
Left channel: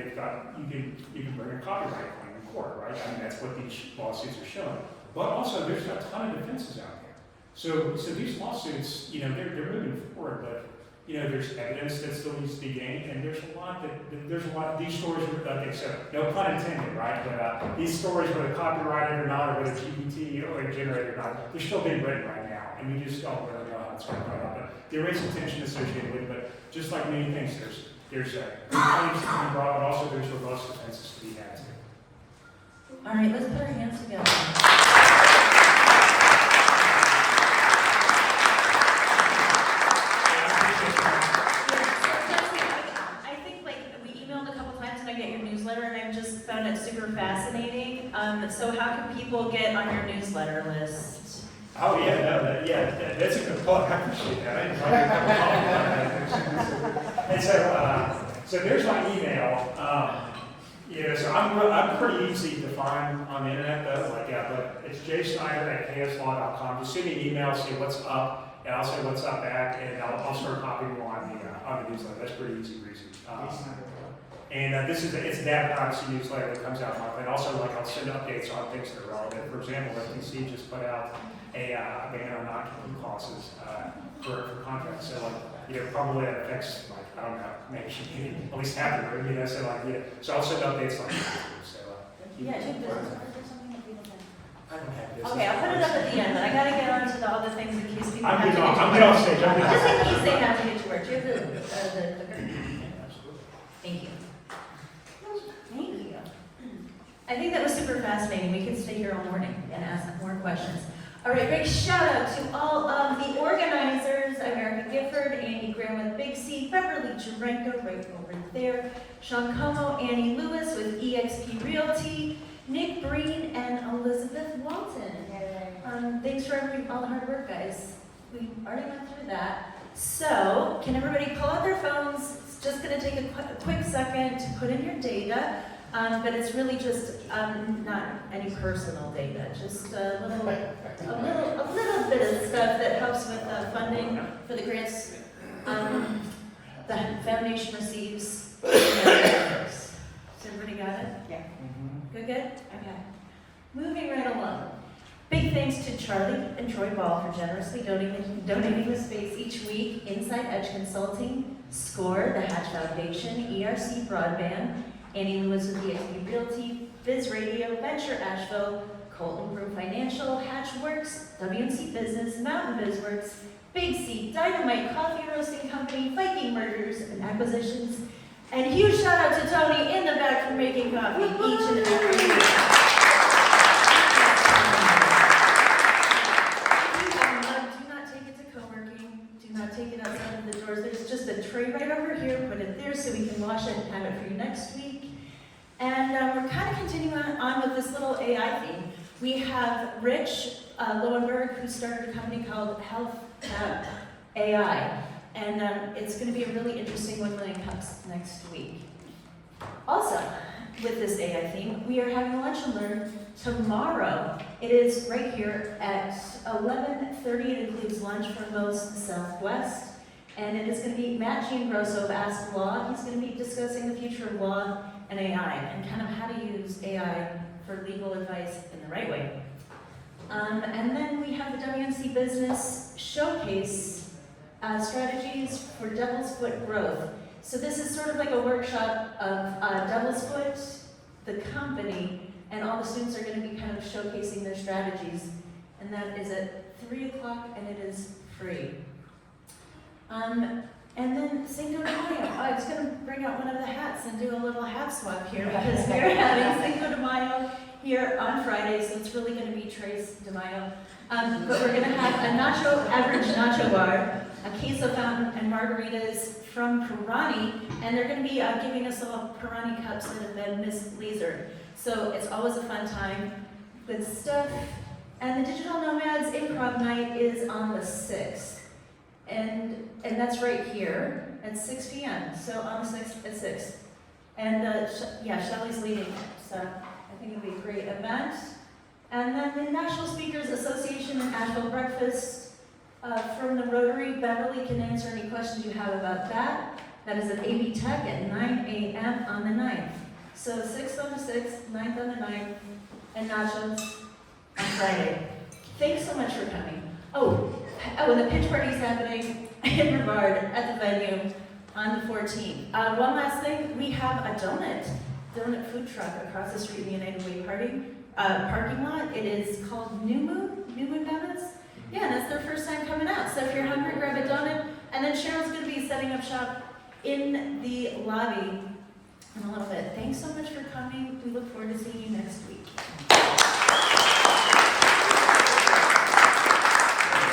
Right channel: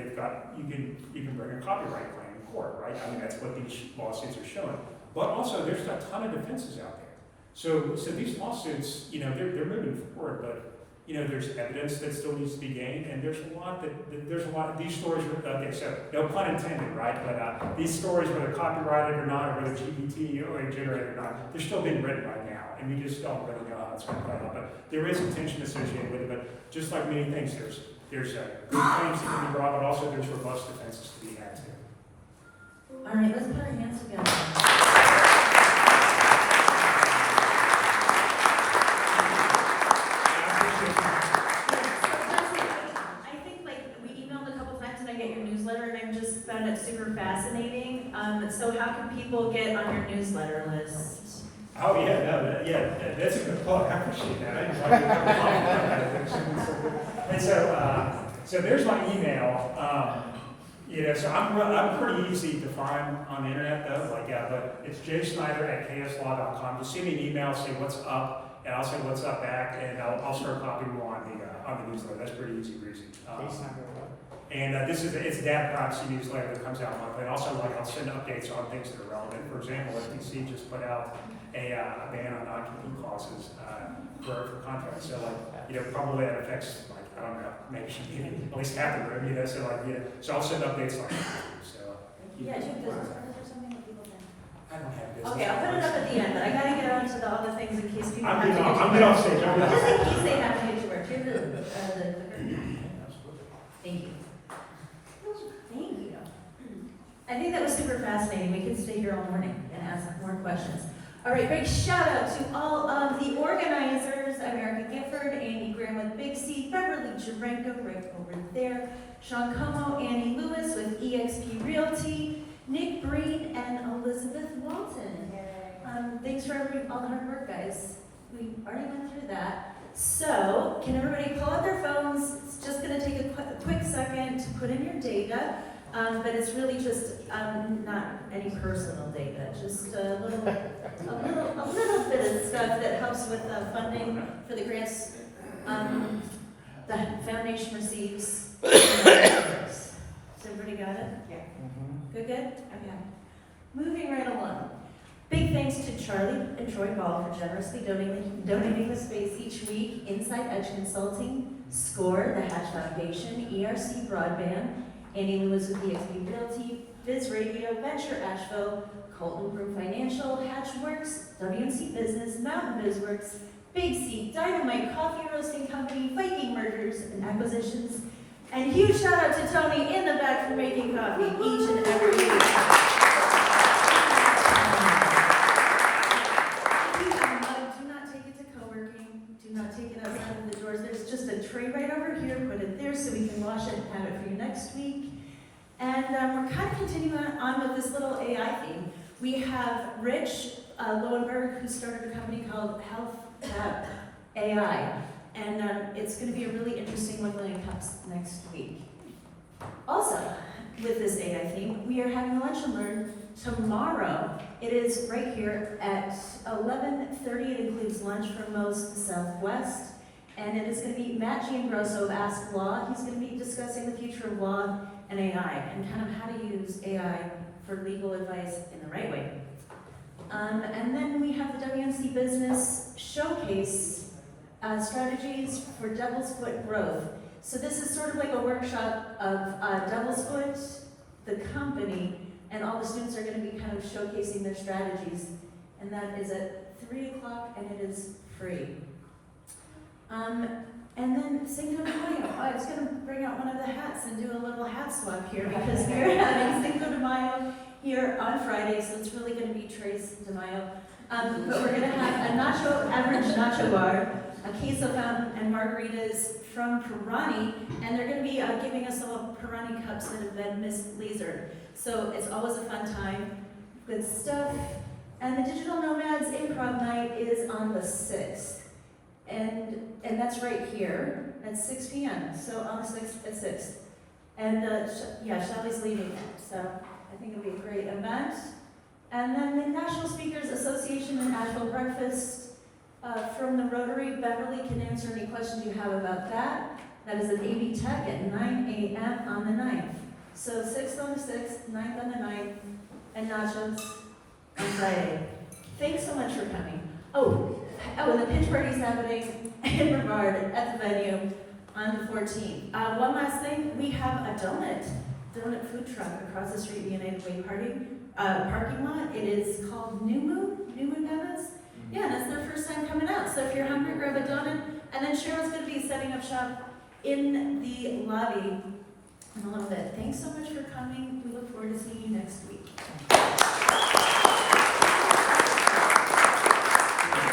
you can bring a copyright claim in court, right? I mean, that's what these lawsuits are showing. But also, there's a ton of defenses out there. So these lawsuits, you know, they're moving forward, but you know, there's evidence that still needs to be gained, and there's a lot. These stories, okay, so no pun intended, right? But these stories, whether copyrighted or not, or whether GPT or generated or not, they're still being written right now, and we just don't really know how it's going to play out. But there is a tension associated with it. But just like many things, there's good claims that can be brought, but also there's robust defenses to be had too. All right, let's put our hands together. people get on your newsletter list? Oh, yeah, no, that's a good thought, I appreciate that, I didn't like it, have a comment on that. And so there's my email, so I'm pretty easy to find on the internet though, but it's jsnyder@kslaw.com, just send me an email, say what's up, and I'll say what's up back, and I'll start copying you on the newsletter, that's pretty easy breezy. And it's a data privacy newsletter that comes out monthly. And also, I'll send updates on things that are relevant. For example, FTC just put out a ban on non-compete clauses for contracts. So, probably that affects, I don't know, maybe at least half the room, so I'll send updates on that. So, Yeah, do you have business cards or something that people can? I don't have business. Okay, I'll put it up at the end, but I gotta get on to all the things in case people I'm have to good get to on work. stage. Just in case they have to get to work. Do you have thank you. Thank you. I think that was super fascinating. We can stay here all morning and ask more questions. All right, big shout out to all of the organizers, America Gifford, Andy Graham with Big C, Beverly Jarenko right over there, Sean Como, Annie Lewis with EXP Realty, Nick Breen, and Elizabeth Walton. Thanks for all hard work, guys. We already went through that. So, can everybody pull out their phones? It's just going to take a quick second to put in your data, but it's really just not any personal data, just a little bit of stuff that helps with funding for the grants the foundation receives. Has everybody got it? Yeah. Good? Okay. Moving right along. Big thanks to Charlie and Troy Ball for generously donating the space each week, Inside Edge Consulting, SCORE, the Hatch Foundation, ERC Broadband, Annie Lewis with EXP Realty, Biz Radio, Venture Asheville, Colton Group Financial, Hatchworks, WMC Business, Mountain BizWorks, Big C, Dynamite Coffee Roasting Company, Viking Mergers and Acquisitions, and huge shout out to Tony in the back for making coffee each and every week. Do not take it to co-working. Do not take it outside of the doors. There's just a tray right over here. Put it there so we can wash it and have it for you next week. And we're kind of continuing on with this little AI theme. We have Rich Lowenberg, who started a company called Health AI. And it's going to be a really interesting one that comes next week. Also, with this AI theme, we are having lunch and learn tomorrow. It is right here at 11:30. It includes lunch for most Southwest. And it is going to be Matt Giangrosso of Ask Law. He's going to be discussing the future of law and AI and kind of how to use AI for legal advice in the right way. And then we have the WNC Business Showcase strategies for Devil's Foot growth. So this is sort of like a workshop of Devil's Foot, the company, and all the students are going to be kind of showcasing their strategies. And that is at 3 o'clock, and it is free. And then Cinco de Mayo. I was going to bring out one of the hats and do a little hat swap here because we're having Cinco de Mayo here on Friday, so it's really going to be Tres de Mayo. But we're going to have a average nacho bar, a queso fountain, and margaritas from Pirani, and they're going to be giving us all Pirani cups that have been mislasered. So it's always a fun time with stuff. And the Digital Nomads Improv Night is on the 6th. And that's right here at 6 p.m. So on the 6th at 6. And Shelly's leading it. So I think it'll be a great event. And then the National Speakers Association and Asheville Breakfast from the Rotary. Beverly can answer any questions you have about that. That is at AB Tech at 9 a.m. on the 9th. So 6th on the 6th, 9th on the 9th, and nachos on Friday. Thanks so much for coming. Oh, and the pitch party's happening in Brevard at the venue on the 14th. One last thing, we have a donut food truck across the street in the United Way parking lot. It is called New Moon Donuts. Yeah, and it's their first time coming out. So if you're hungry, grab a donut. And then Cheryl's going to be setting up shop in the lobby in a little bit. Thanks so much for coming. We look forward to seeing you next week.